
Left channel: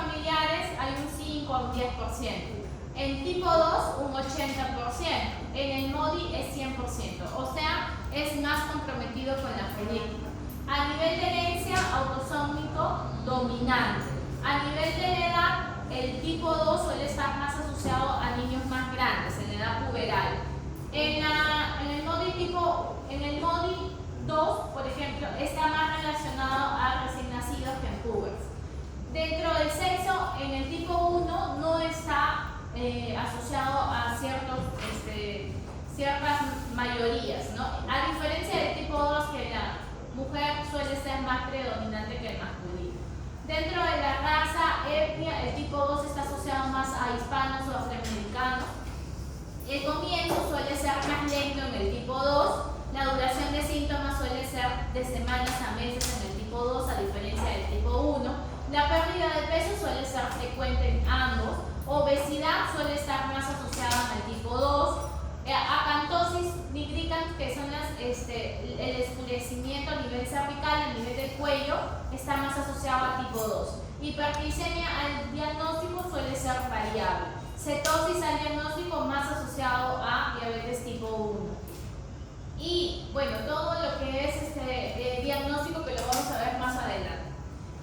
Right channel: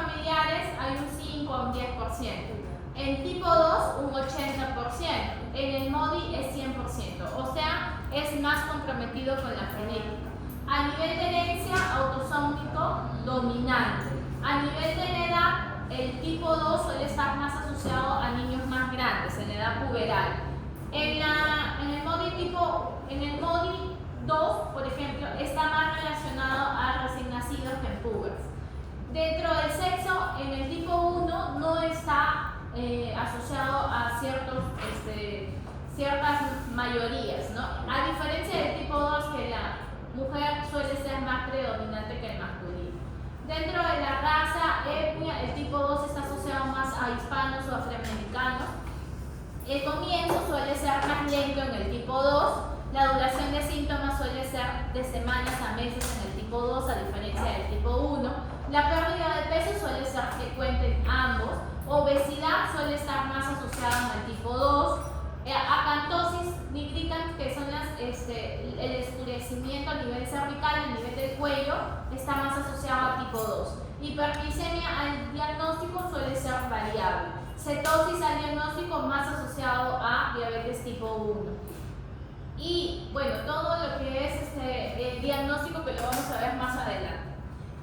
nacimiento, o sea, es más comprometido con la genética. A nivel de herencia, autosómico dominante. A nivel de edad, el tipo 2 suele estar más asociado a niños más grandes, en la edad puberal. En el MODY 2, por ejemplo, está más relacionado a recién nacidos que en púberes. Dentro del sexo, en el tipo 1 no está asociado a ciertas mayorías, ¿no? A diferencia del tipo 2, que la mujer suele ser más predominante que el masculino. Dentro de la raza, etnia, el tipo 2 está asociado más a hispanos o afroamericanos. El comienzo suele ser más lento en el tipo 2. La duración de síntomas suele ser de semanas a meses en el tipo 2, a diferencia del tipo 1. La pérdida de peso suele ser frecuente en ambos. Obesidad suele estar más asociada al tipo 2. Acantosis nigricans, que son el escurecimiento a nivel cervical, a nivel del cuello, está más asociado al tipo 2. Hiperglicemia al diagnóstico suele ser variable. Cetosis al diagnóstico más asociado a diabetes tipo 1. Y bueno, todo lo que es el diagnóstico, que lo vamos a ver más adelante.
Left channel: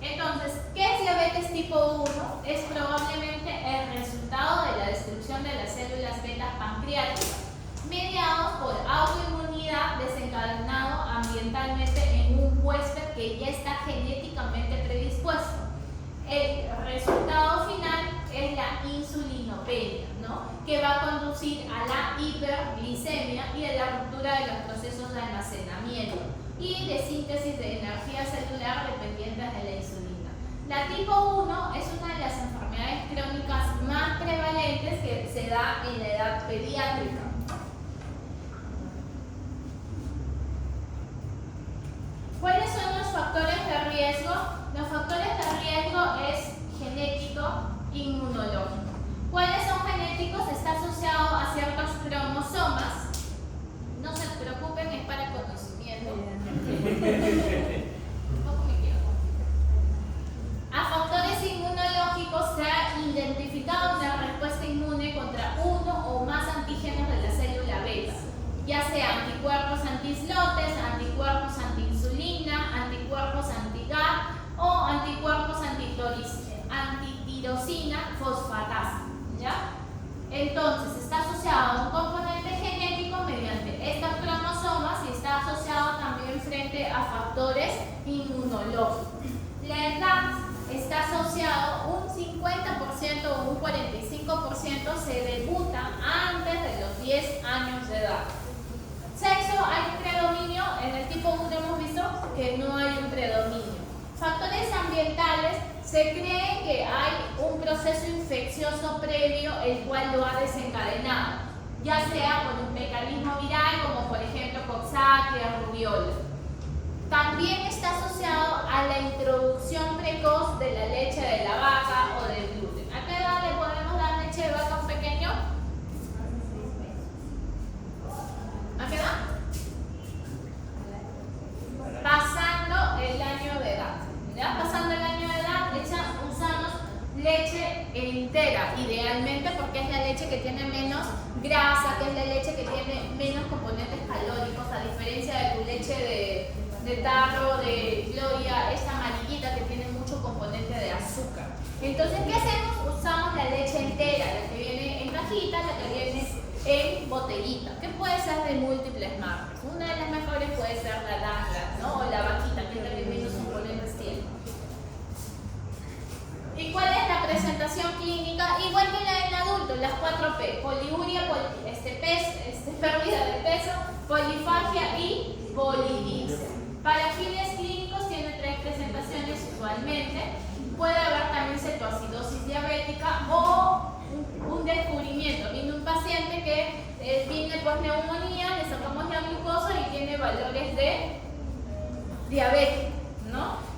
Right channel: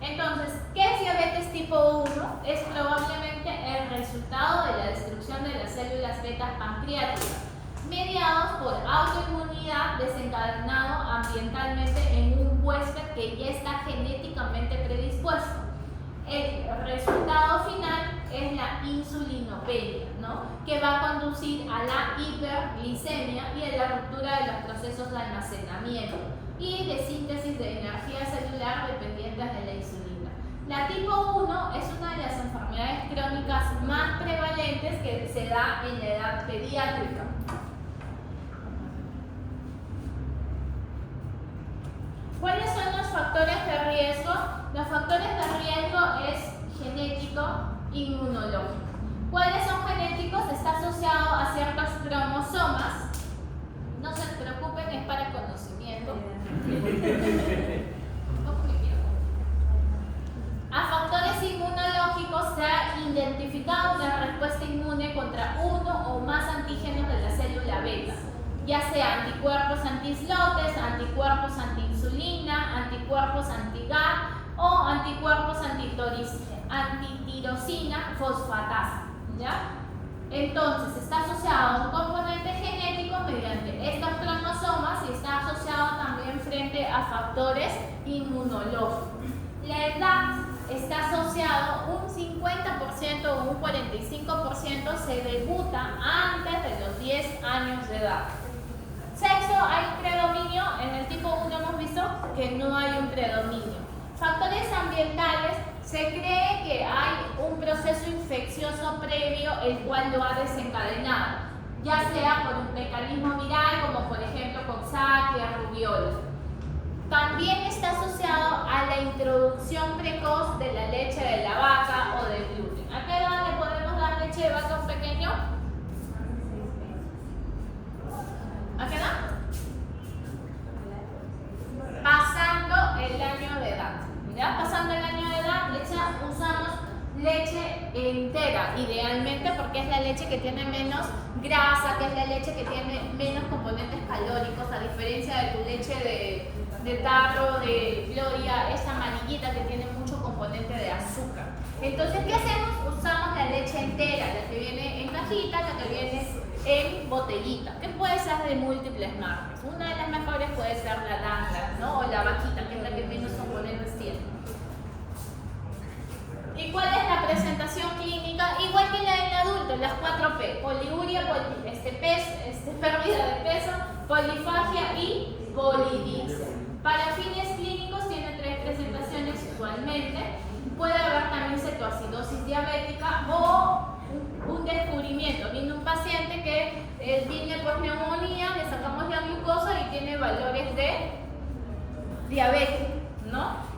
Entonces, ¿qué es diabetes tipo 1? Es probablemente el resultado de la destrucción de las células beta pancreáticas, mediados por autoinmunidad desencadenado ambientalmente en un huésped que ya está genéticamente predispuesto. El resultado final es la insulinopenia, ¿no? Que va a conducir a la hiperglicemia y a la ruptura de los procesos de almacenamiento y de síntesis de energía celular dependientes de la insulina. La tipo 1 es una de las enfermedades crónicas más prevalentes que se da en la edad pediátrica. ¿Cuáles son los factores de riesgo? Los factores de riesgo es genético, inmunológico. ¿Cuáles son genéticos? Está asociado a ciertos cromosomas. No se preocupen, es para conocimiento. A factores inmunológicos se ha identificado una respuesta inmune contra uno o más antígenos de la célula beta, ya sea anticuerpos anti-islotes, anticuerpos anti-insulina, anticuerpos anti-GAR o anticuerpos antitirosina fosfatasa, ¿ya? Entonces, está asociado a un componente genético mediante estos cromosomas y está asociado también frente a factores inmunológicos. La edad está asociado un 50% o un 45% se debuta antes de los 10 años de edad. Sexo, hay un predominio. En el tipo 1 hemos visto que no hay un predominio. Factores ambientales, se cree que hay un proceso infeccioso previo el cual lo ha desencadenado, ya sea por un mecanismo viral como por ejemplo Coxsackia, rubiola. También está asociado a la introducción precoz de la leche de la vaca o del gluten. ¿A qué edad le podemos dar leche de vaca a un pequeño? ¿A qué edad? Pasando el año de edad. ¿Ya? Pasando el año de edad, usamos leche entera, idealmente, porque es la leche que tiene menos grasa, que es la leche que tiene menos componentes calóricos, a diferencia de tu leche de tarro, de gloria, esta amarillita que tiene mucho componente de azúcar. Entonces, ¿qué hacemos? Usamos la leche entera, la que viene en cajita, la que viene en botellita, que puede ser de múltiples marcas. Una de las mejores puede ser la Langra, ¿no? O la vaquita, que es la que menos componentes tiene. ¿Y cuál es la presentación clínica? Igual que la del adulto, las 4P: poliuria, pérdida de peso, polifagia y polidipsia. Para fines clínicos tiene 3 presentaciones usualmente. Puede haber también cetoacidosis diabética o un descubrimiento. Viene un paciente que viene por neumonía, le sacamos la glucosa y tiene valores de diabetes, ¿no?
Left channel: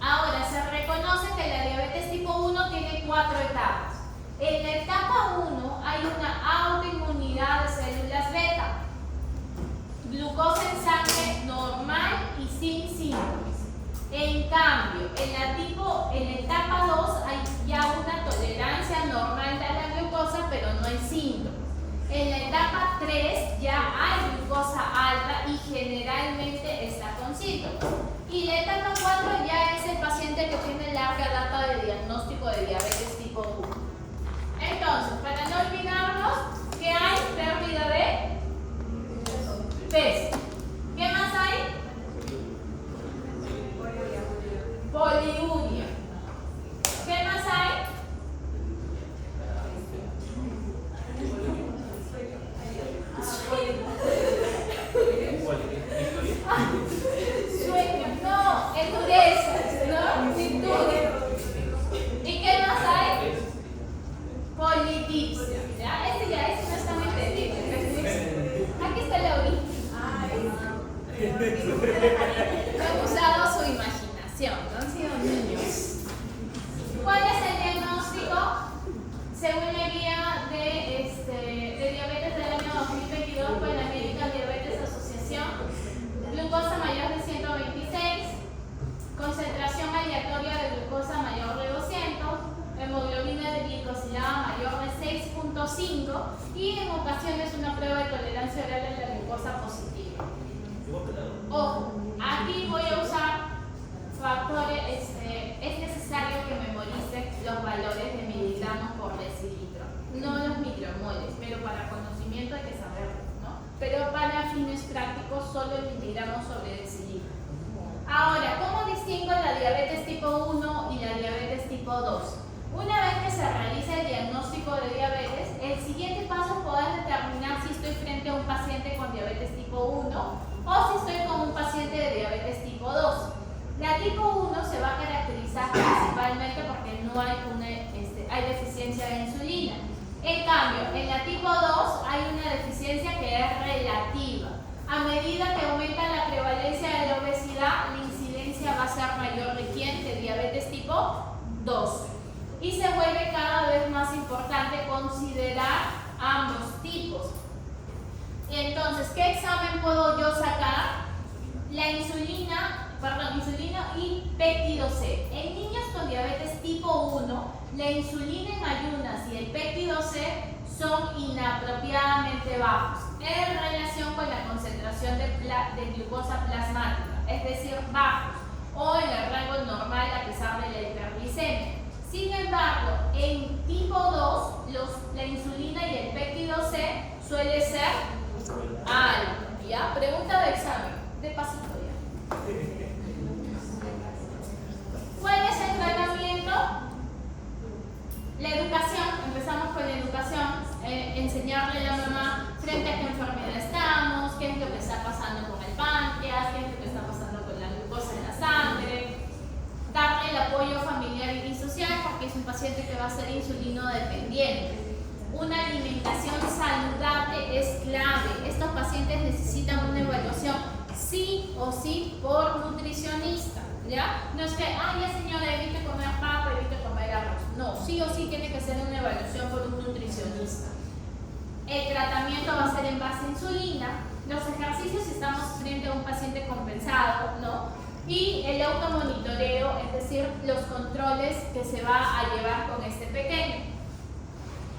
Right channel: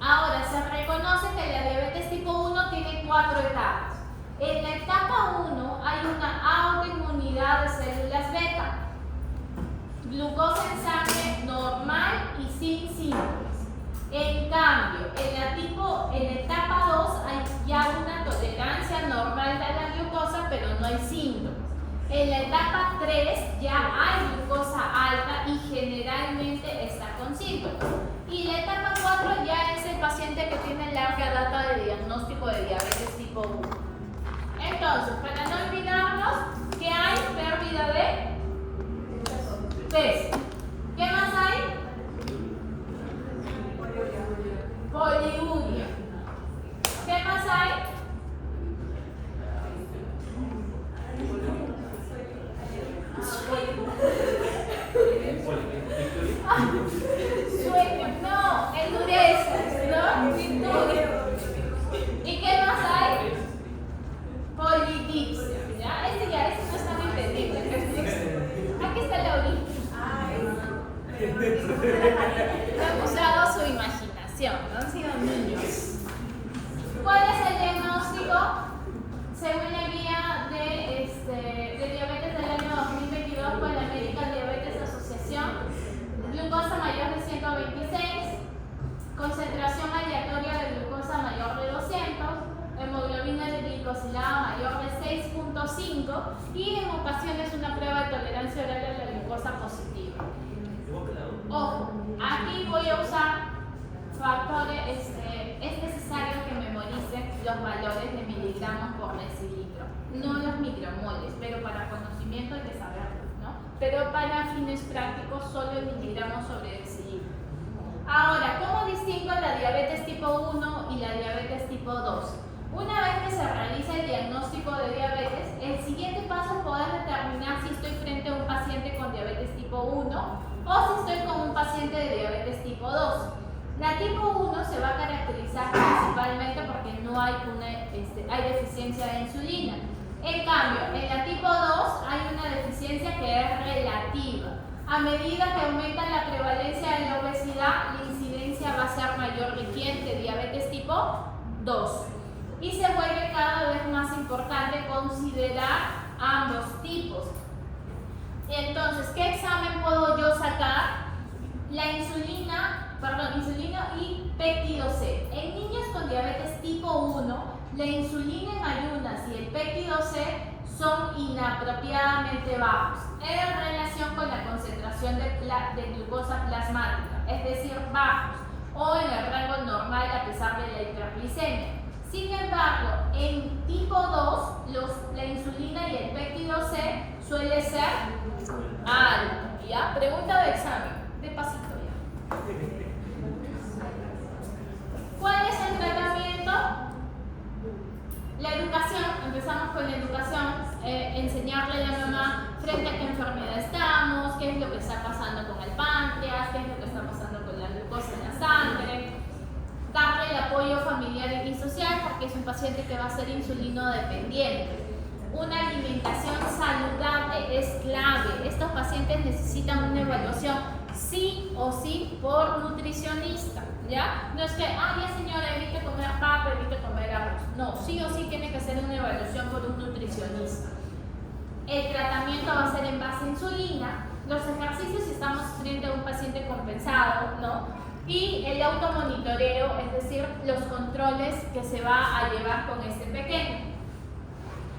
Ahora, se reconoce que la diabetes tipo 1 tiene 4 etapas. En la etapa 1 hay una autoinmunidad de células beta, glucosa en sangre normal y sin síntomas. En cambio, en la etapa 2 hay ya una tolerancia normal a la glucosa, pero no hay síntomas. En la etapa 3 ya hay glucosa Entonces, para no olvidarnos, ¿qué hay? Pérdida de peso. ¿Qué más hay? Poliuria. ¿Qué más hay? Sueño, no, endurezas, ¿no? Virtudes. ¿Y qué más hay? Polidipsia. ¿Ya? Ese no está muy entendiendo. Aquí está la orilla. Han usado su imaginación, ¿no? Han sido niños. ¿Cuál es el diagnóstico? Según la guía de diabetes del año 2022 por la American Diabetes Association, glucosa mayor de 126, concentración aleatoria de glucosa mayor de 200, hemoglobina glicosilada mayor de 6.5 y en ocasiones una prueba de tolerancia oral a la glucosa positiva. Ojo, aquí voy a usar factores, es necesario que memoricen los valores de miligramos por decilitro, no los micromoles, pero para conocimiento hay que saberlo, ¿no? Pero para fines prácticos solo el miligramos sobre decilitro. Ahora, ¿cómo distingo la diabetes tipo 1 y la diabetes tipo 2? Una vez que se realiza el diagnóstico de diabetes, el siguiente paso es poder determinar si estoy frente a un paciente con diabetes tipo 1 o si estoy con un paciente de diabetes tipo 2. La tipo 1 se va a caracterizar principalmente porque no hay, hay deficiencia de insulina. En cambio, en la tipo 2 hay una deficiencia que es relativa. A medida que aumenta la prevalencia de la obesidad, la incidencia va a ser mayor de ¿quién? De diabetes tipo 2. Y se vuelve cada vez más importante considerar ambos tipos. Entonces, ¿qué examen puedo yo sacar? La insulina y péptido C. En niños con diabetes tipo 1, la insulina en ayunas y el péptido C son inapropiadamente bajos en relación con la concentración de glucosa plasmática, es decir, bajos o en el rango normal a pesar de la hiperglicemia. Sin embargo, en tipo 2, la insulina y el péptido C suele ser alto. ¿Ya? Pregunta de examen, de pasito ya. ¿Cuál es el tratamiento? La educación, empezamos con la educación, enseñarle a la mamá frente a qué enfermedad estamos, qué es lo que está pasando con el páncreas, qué es lo que está pasando con la glucosa en la sangre, darle el apoyo familiar y social porque es un paciente que va a ser insulino dependiente. Una alimentación saludable es clave. Estos pacientes necesitan una evaluación sí o sí por nutricionista, ¿ya? No es que, ya señora, evite comer papa, evite comer arroz. No, sí o sí tiene que ser una evaluación por un nutricionista. El tratamiento va a ser en base a insulina. Los ejercicios estamos frente a un paciente compensado, ¿no? Y el automonitoreo, es decir, los controles que se va a llevar con este pequeño.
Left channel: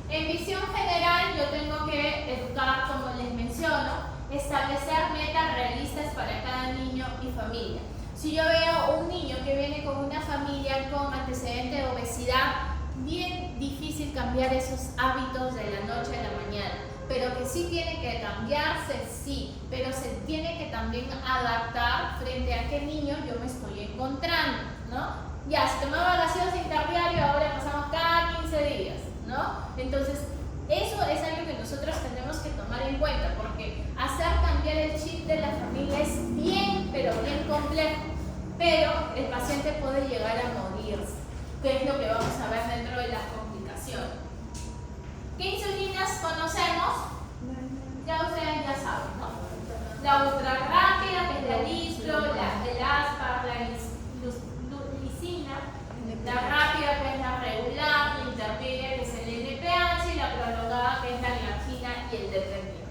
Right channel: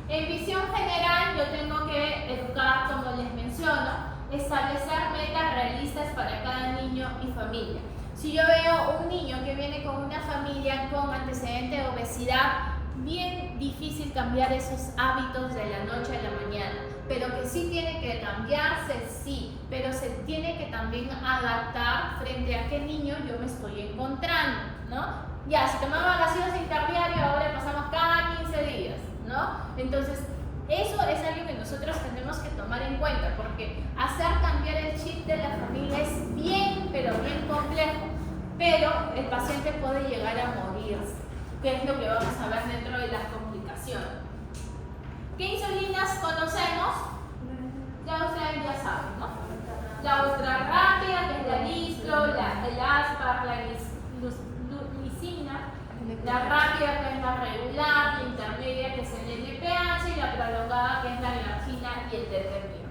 En visión general, yo tengo que educar, como les menciono, establecer metas realistas para cada niño y familia. Si yo veo un niño que viene con una familia con antecedente de obesidad, bien difícil cambiar esos hábitos de la noche a la mañana, pero que sí tiene que cambiarse, sí, pero se tiene que también adaptar frente a qué niño yo me estoy encontrando, ¿no? Ya, si tomaba gaseosa interdiario, ahora pasamos cada 15 días, ¿no? Entonces, eso es algo que nosotros tenemos que tomar en cuenta, porque hacer cambiar el chip de la familia es bien, pero bien complejo, pero el paciente puede llegar a morirse, que es lo que vamos a ver dentro de las complicaciones. ¿Qué insulinas conocemos? Ya ustedes ya saben, ¿no? La ultra rápida, que es la Listro, el Aspar, la glicina, la rápida, que es la regular, la intermedia, que es el NPH, y la prolongada, que es la glargina y el detergente.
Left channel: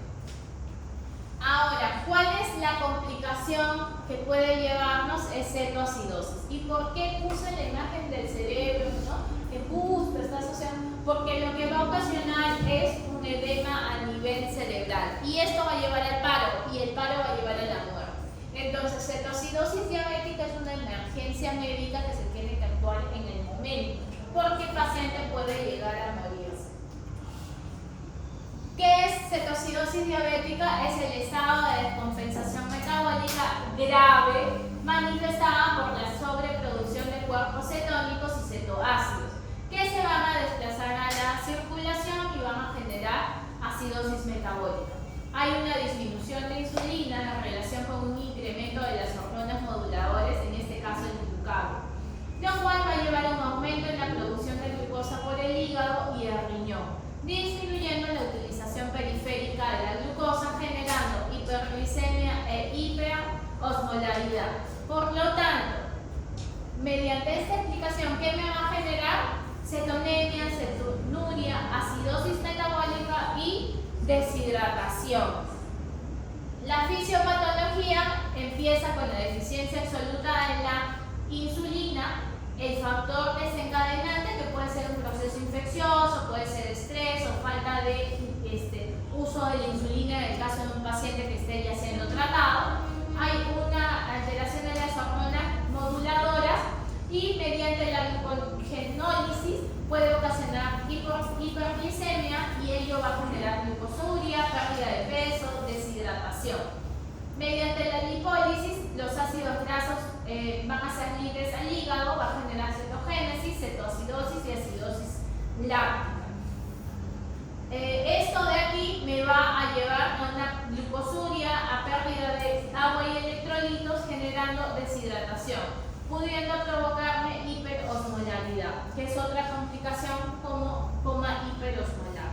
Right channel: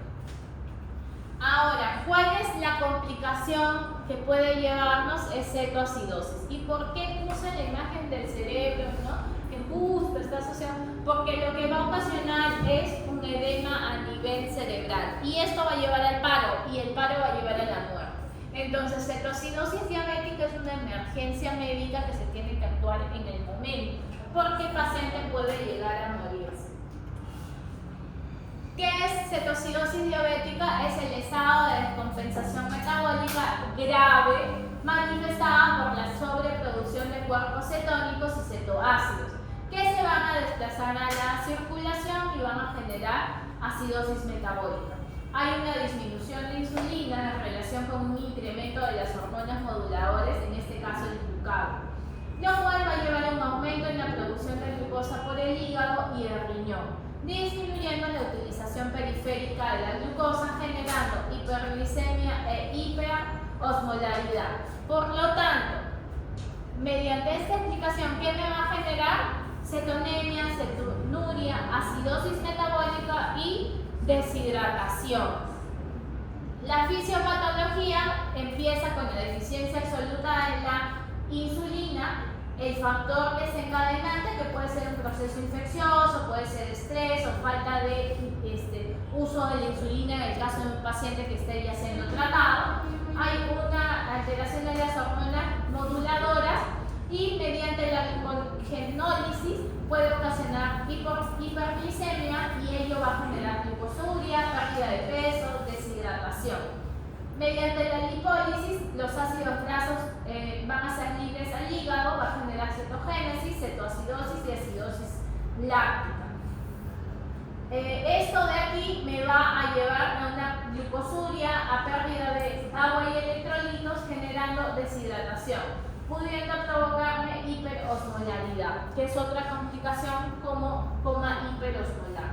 Ahora, ¿cuál es la complicación que puede llevarnos? Es cetoacidosis. ¿Y por qué puse la imagen del cerebro, ¿no? Que justo está asociado, porque lo que va a ocasionar es un edema a nivel cerebral y esto va a llevar al paro y el paro va a llevar a la muerte. Entonces, cetoacidosis diabética es una emergencia médica que se tiene que actuar en el momento porque el paciente puede llegar a morirse. cetoacidosis diabética es el estado de descompensación metabólica grave manifestada por la sobreproducción de cuerpos cetónicos y cetoácidos que se van a desplazar a la circulación y van a generar acidosis metabólica. Hay una disminución de insulina en relación con un incremento de las hormonas moduladoras, en este caso el glucagón, lo cual va a llevar a un aumento en la producción de glucosa por el hígado y el riñón, disminuyendo la utilización periférica de la glucosa, generando hiperglicemia e hiperosmolaridad. Por lo tanto, mediante esta explicación, ¿qué me va a generar? Cetonemia, cetonuria, acidosis metabólica y deshidratación. La fisiopatología empieza con la deficiencia absoluta de la insulina, el factor desencadenante, que puede ser un proceso infeccioso, puede ser estrés o falta de uso de la insulina en el caso de un paciente que esté ya siendo tratado. Hay una alteración de las hormonas moduladoras y mediante la glucogenólisis puede ocasionar hiperglicemia y ello va a generar glucosuria, pérdida de peso, deshidratación. Mediante la lipólisis, los ácidos grasos van a ser libres al hígado, va a generar cetogénesis, cetoacidosis y acidosis láctica. Esto de aquí me va a llevar a una glucosuria, a pérdida de agua y electrolitos, generando deshidratación, pudiendo provocarme hiperosmolaridad, que es otra complicación como coma hiperosmolar.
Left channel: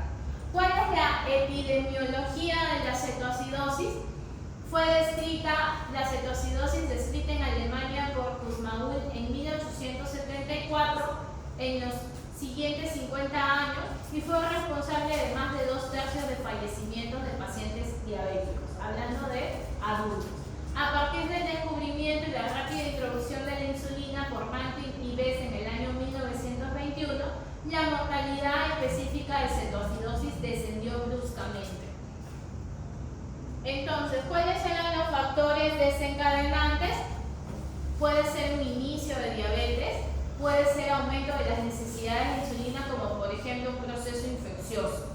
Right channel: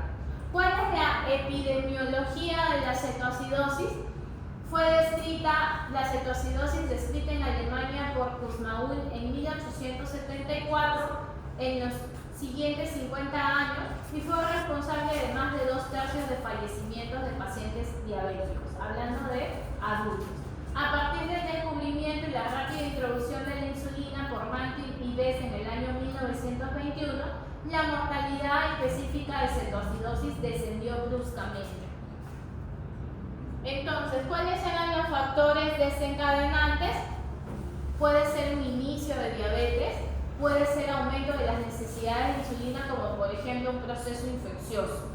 ¿Cuál es la epidemiología de la cetoacidosis? Fue descrita, la cetoacidosis descrita en Alemania por Kussmaul en 1874, en los siguientes 50 años, y fue responsable de más de 2/3 de fallecimientos de pacientes diabéticos, hablando de adultos. A partir del descubrimiento y la rápida introducción de la insulina por Maltin y Bess en el año 1921, la mortalidad específica de cetoacidosis descendió bruscamente. Entonces, ¿cuáles eran los factores desencadenantes? Puede ser un inicio de diabetes, puede ser aumento de las necesidades de insulina, como por ejemplo un proceso infeccioso.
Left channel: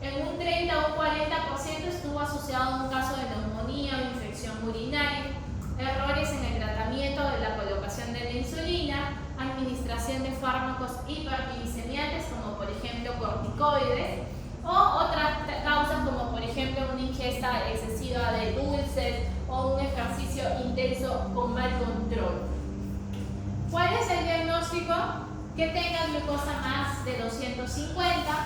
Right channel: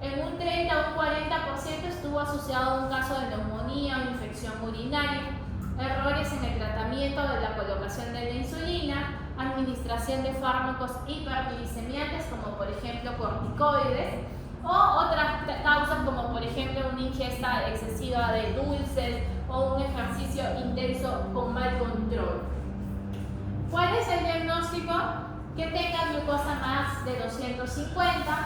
En un 30 o un 40% estuvo asociado a un caso de neumonía o infección urinaria, errores en el tratamiento de la colocación de la insulina, administración de fármacos hiperglicemiantes como por ejemplo corticoides, o otras causas como por ejemplo una ingesta excesiva de dulces o un ejercicio intenso con mal control. ¿Cuál es el diagnóstico? Que tenga glucosa más de 250,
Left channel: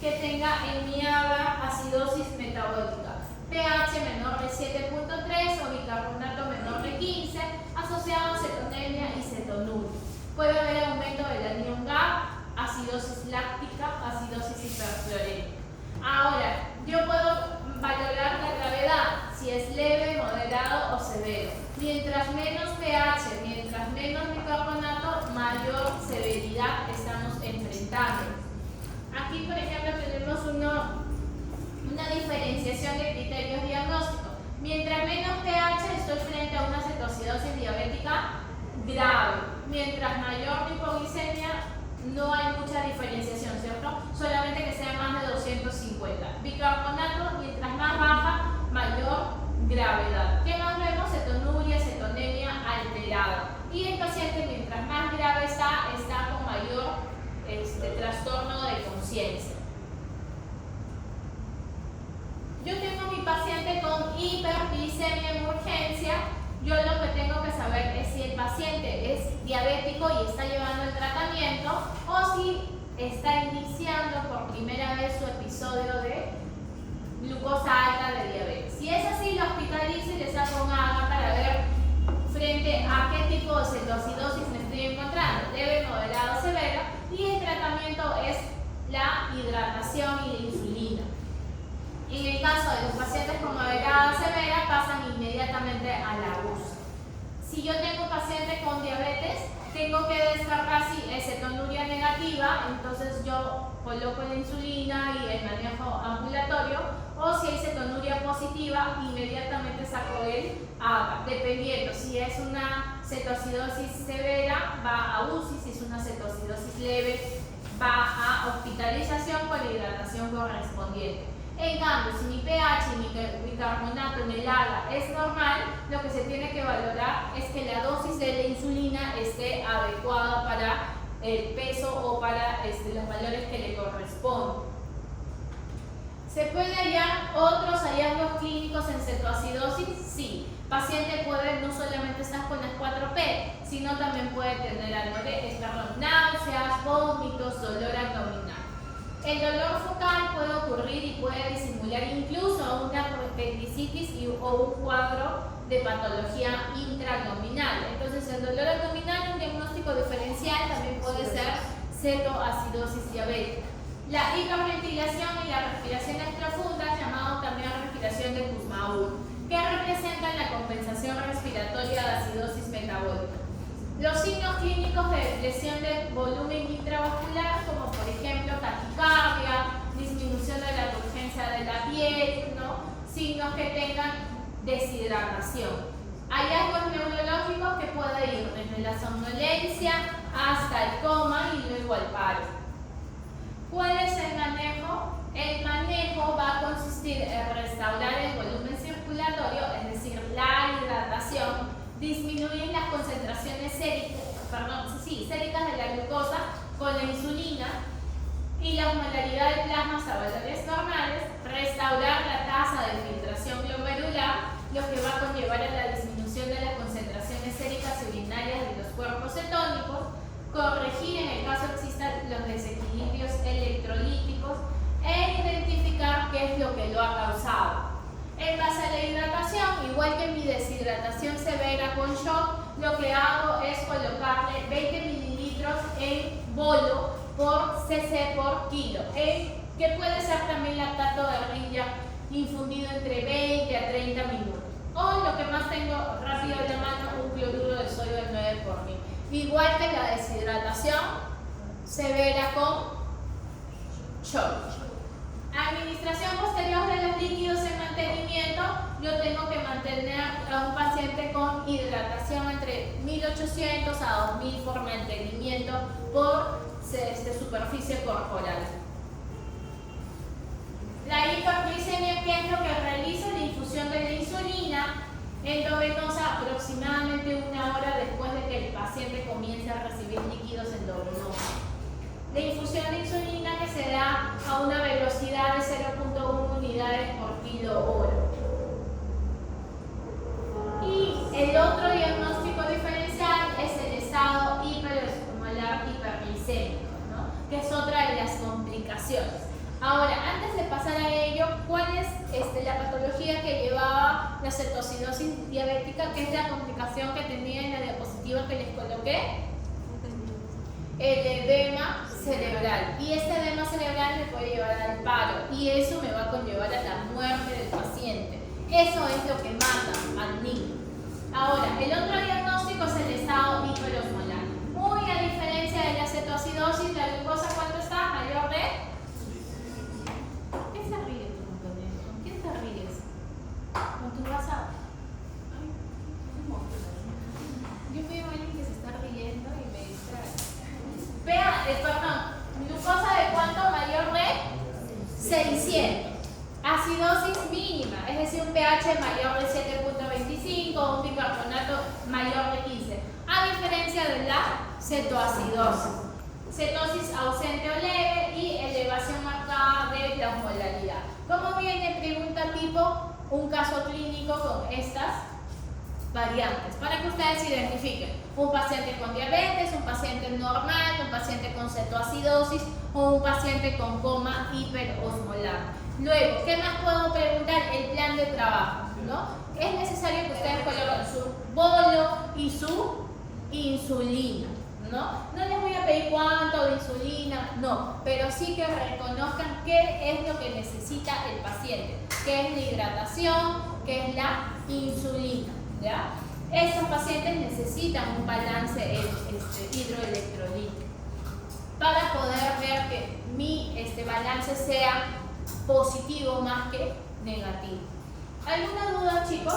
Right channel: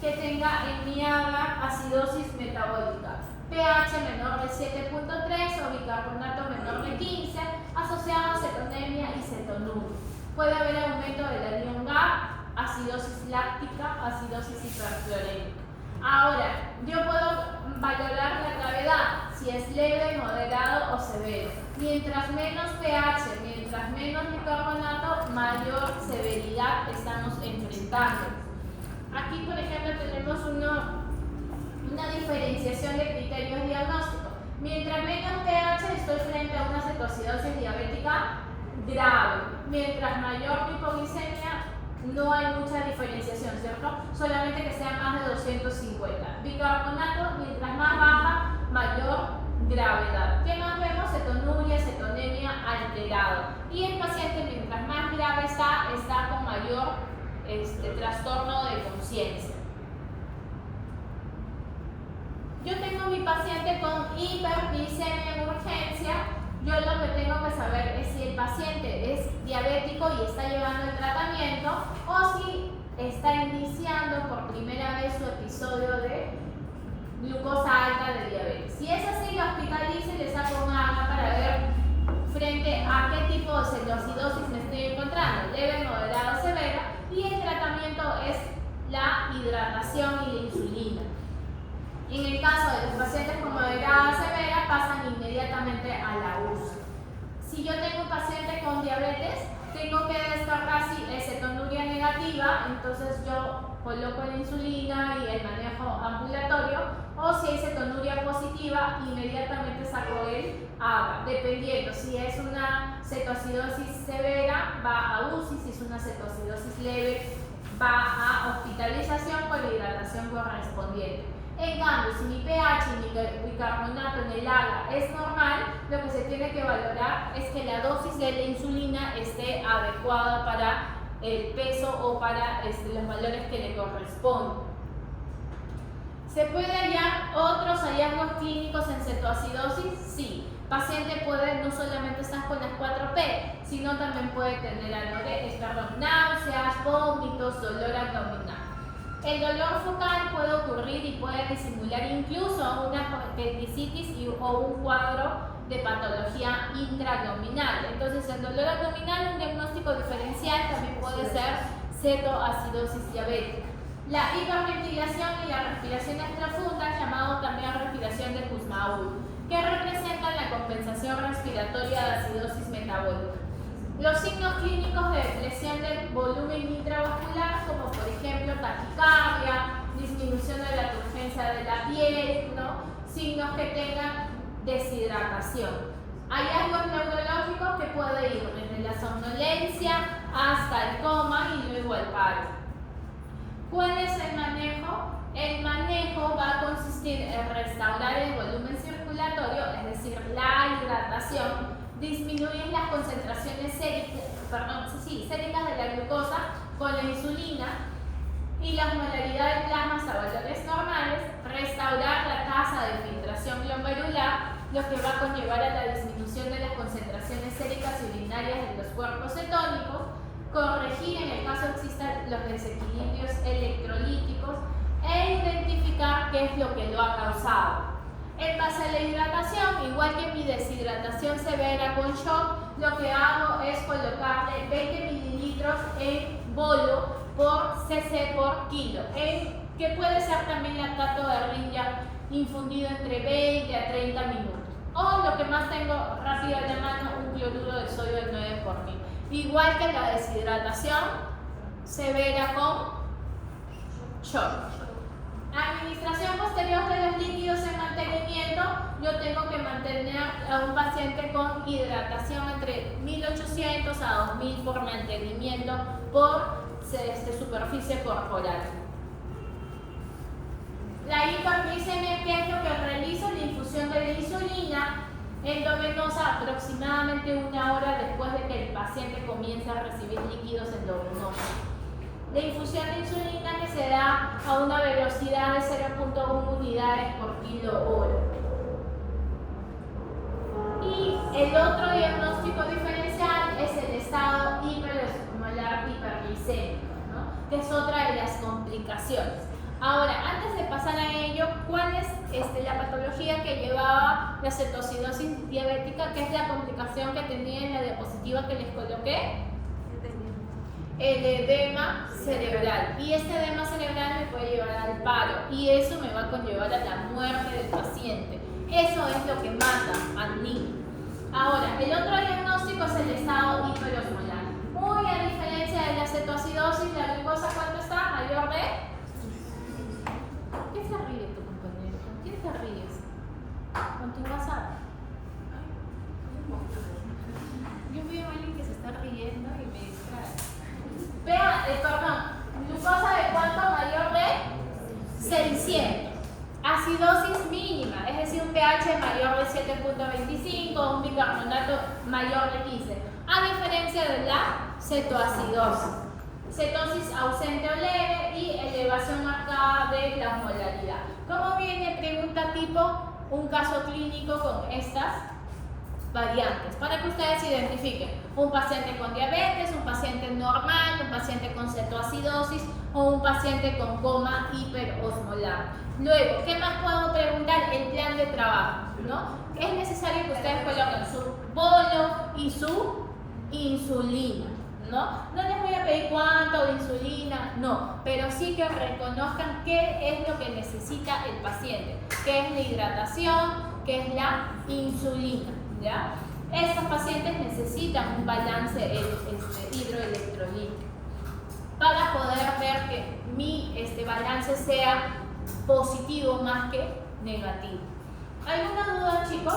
que tenga en mi agar acidosis metabólica, pH menor de 7.3 o bicarbonato menor de 15, asociado a cetonemia y cetonuria. Puede haber aumento del anión GAP, acidosis láctica, acidosis hiperfluorémica. Ahora, yo puedo valorar la gravedad, si es leve, moderado o severo. Mientras menos pH, mientras menos bicarbonato, mayor severidad estamos enfrentando. Aquí, por ejemplo, tenemos una diferenciación de criterios diagnósticos. Mientras menos pH, estoy frente a una cetoacidosis diabética grave. Mientras mayor hipoglicemia, no hay mucha diferenciación, ¿cierto? Solamente que sea más de 250. Bicarbonato, mientras más baja, mayor gravedad. ¿Qué más vemos? Cetonuria, cetonemia alterada. Y el paciente, mientras más grave está con mayor trastorno de conciencia. Yo tengo mi paciente con hiperglicemia en urgencia. Yo lo que tengo que saber es si el paciente es diabético y está llevando el tratamiento o si está iniciando por primera vez su episodio de glucosa alta de diabetes. Si es así, lo hospitalizo y le saco un AGA para ver frente a qué tipo de cetoacidosis me estoy encontrando, leve, moderada o severa, y el tratamiento es la hidratación y la insulina. En el caso de los pacientes con moderada severa, pasan inmediatamente a la UCI. Si yo tengo un paciente con diabetes, tengo que descartar si es cetonuria negativa, entonces yo coloco la insulina y el manejo ambulatorio, o si hay cetonuria positiva, inmediatamente saco el AGA, dependiendo. Si es una cetoacidosis severa, va a UCI, si es una cetoacidosis leve, va a hospitalización con la hidratación correspondiente. En cambio, si mi pH y mi bicarbonato en el agua es normal, lo que se tiene que valorar es que la dosis de la insulina esté adecuada para el peso o para los valores que le corresponden. ¿Se puede hallar otros hallazgos clínicos en cetoacidosis? Sí. Paciente puede no solamente estar con las 4P, sino también puede tener náuseas, vómitos, dolor abdominal. El dolor focal puede ocurrir y puede disimular incluso una apendicitis o un cuadro de patología intraabdominal. Entonces, el dolor abdominal, un diagnóstico diferencial, también puede ser cetoacidosis diabética. La hiperventilación y la respiración profunda, llamado también respiración de Kussmaul, que representan la compensación respiratoria de acidosis metabólica. Los signos clínicos de lesión del volumen intravascular, como por ejemplo taquicardia, disminución de la turgencia de la piel, ¿no? Signos que tengan deshidratación. Hallazgos neurológicos que pueden ir desde la somnolencia hasta el coma y luego al paro. ¿Cuál es el manejo? El manejo va a consistir en restaurar el volumen circulatorio, es decir, la hidratación, disminuir las concentraciones séricas de la glucosa con la insulina y la osmolaridad de plasmas a valores normales, restaurar la tasa de filtración glomerular, lo que va a conllevar a la disminución de las concentraciones séricas y urinarias de los cuerpos cetónicos, corregir en el caso existan los desequilibrios electrolíticos e identificar qué es lo que lo ha causado. En base a la hidratación, igual que mi deshidratación severa con shock, lo que hago es colocarle 20 mililitros en bolo por cc por kilo, que puede ser también lactato de rinja infundido entre 20 a 30 minutos. O lo que más tengo rápido en la mano, un cloruro de sodio 9 por 1000. Igual que la deshidratación severa con shock. Administración posterior de los líquidos en mantenimiento, yo tengo que mantener a un paciente con hidratación entre 1800 a 2000 por mantenimiento por superficie corporal. La hiperglicemia, ¿qué es lo que realiza? La infusión de la insulina endovenosa aproximadamente 1 hora después de que el paciente comience a recibir líquidos endovenosos. La infusión de insulina que se da a una velocidad de 0.1 unidades por kilo hora. Y el otro diagnóstico diferencial es el estado hiperosmolar hiperglicémico, ¿no? Que es otra de las complicaciones. Ahora, antes de pasar a ello, ¿cuál es la patología que llevaba la cetoacidosis diabética? Que es la complicación que tenía en la diapositiva que les coloqué. El edema cerebral. Y este edema cerebral me puede llevar al paro. Y eso me va a conllevar a la muerte del paciente. Eso es lo que mata al niño. Ahora, el otro diagnóstico es el estado hiperosmolar. Muy a diferencia de la cetoacidosis, la glucosa, ¿cuánto está? Mayor de... ¿Qué se ríe tu compañero? ¿Con quién te ríes? ¿Con tu WhatsApp? Yo veo a alguien que se está riendo y me distrae. Vea, perdón, glucosa de cuánto mayor de 600. Acidosis mínima, es decir, un pH mayor de 7.25, un bicarbonato mayor de 15. A diferencia de la cetoacidosis. Cetosis ausente o leve y elevación marcada de la osmolaridad. ¿Cómo viene? Pregunta tipo un caso clínico con estas variantes para que ustedes identifiquen un paciente con diabetes, un paciente normal, un paciente con cetoacidosis o un paciente con coma hiperosmolar. Luego, ¿qué más puedo preguntar? El plan de trabajo, ¿no? Es necesario que ustedes coloquen su bolo y su insulina, ¿no? No les voy a pedir cuánto de insulina, no, pero sí que reconozcan qué es lo que necesita el paciente, qué es la hidratación, qué es la insulina, ¿ya? Estos pacientes necesitan un balance hidroelectrolítico para poder ver que mi balance sea positivo más que negativo. ¿Alguna duda, chicos?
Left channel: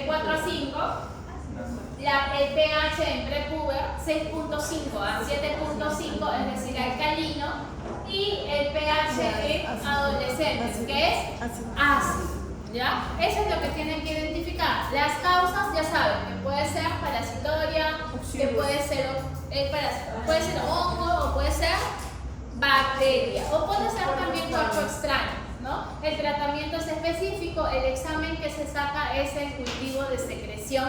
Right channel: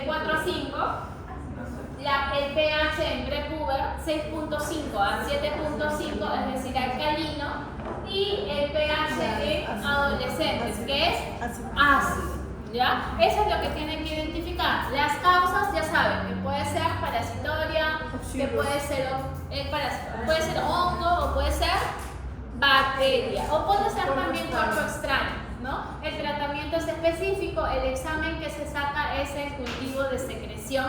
de 4 a 5, el pH en prepuber 6.5 a 7.5, es decir, alcalino, y el pH en adolescentes, que es ácido. ¿Ya? Eso es lo que tienen que identificar. Las causas, ya saben, que puede ser parasitoria, que puede ser hongo o puede ser bacteria, o puede ser también cuerpo extraño, ¿no? El tratamiento es específico, el examen que se saca es el cultivo de secreción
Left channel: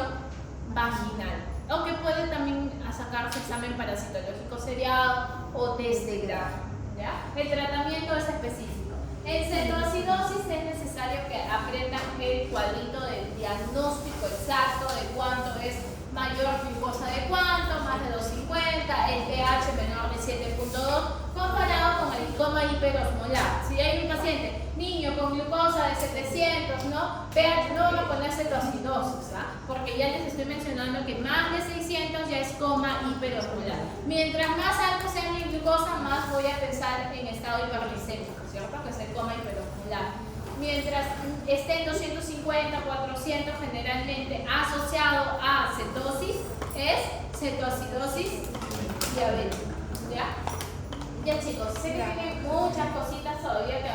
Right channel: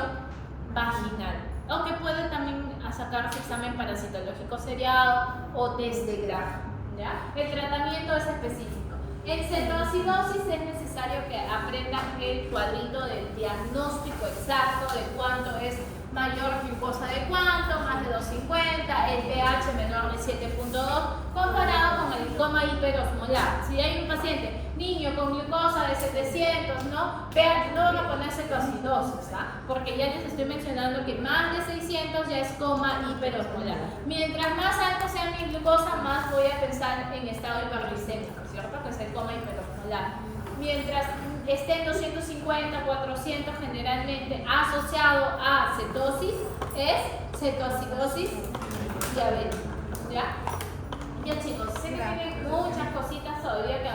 vaginal, aunque puede también sacarse examen parasitológico seriado o test de grafo, ¿ya? El tratamiento es específico. En cetoacidosis es necesario que aprendan el cuadrito del diagnóstico exacto de cuánto es mayor glucosa de cuánto, más de 250, el pH menor de 7.2, comparado con el coma hiperosmolar. Si hay un paciente, niño con glucosa de 700, ¿no? pH, no van a poner cetoacidosis, ¿ah? Porque ya les estoy mencionando que más de 600 ya es coma hiperosmolar. Mientras más alto sea mi glucosa, más voy a pensar en estado hiperglicémico, ¿cierto? Que es el coma hiperosmolar. Mientras esté en 250, 400, generalmente asociado a cetosis, es cetoacidosis diabética. ¿Ya? Ya chicos, sé que tienen muchas cositas todavía que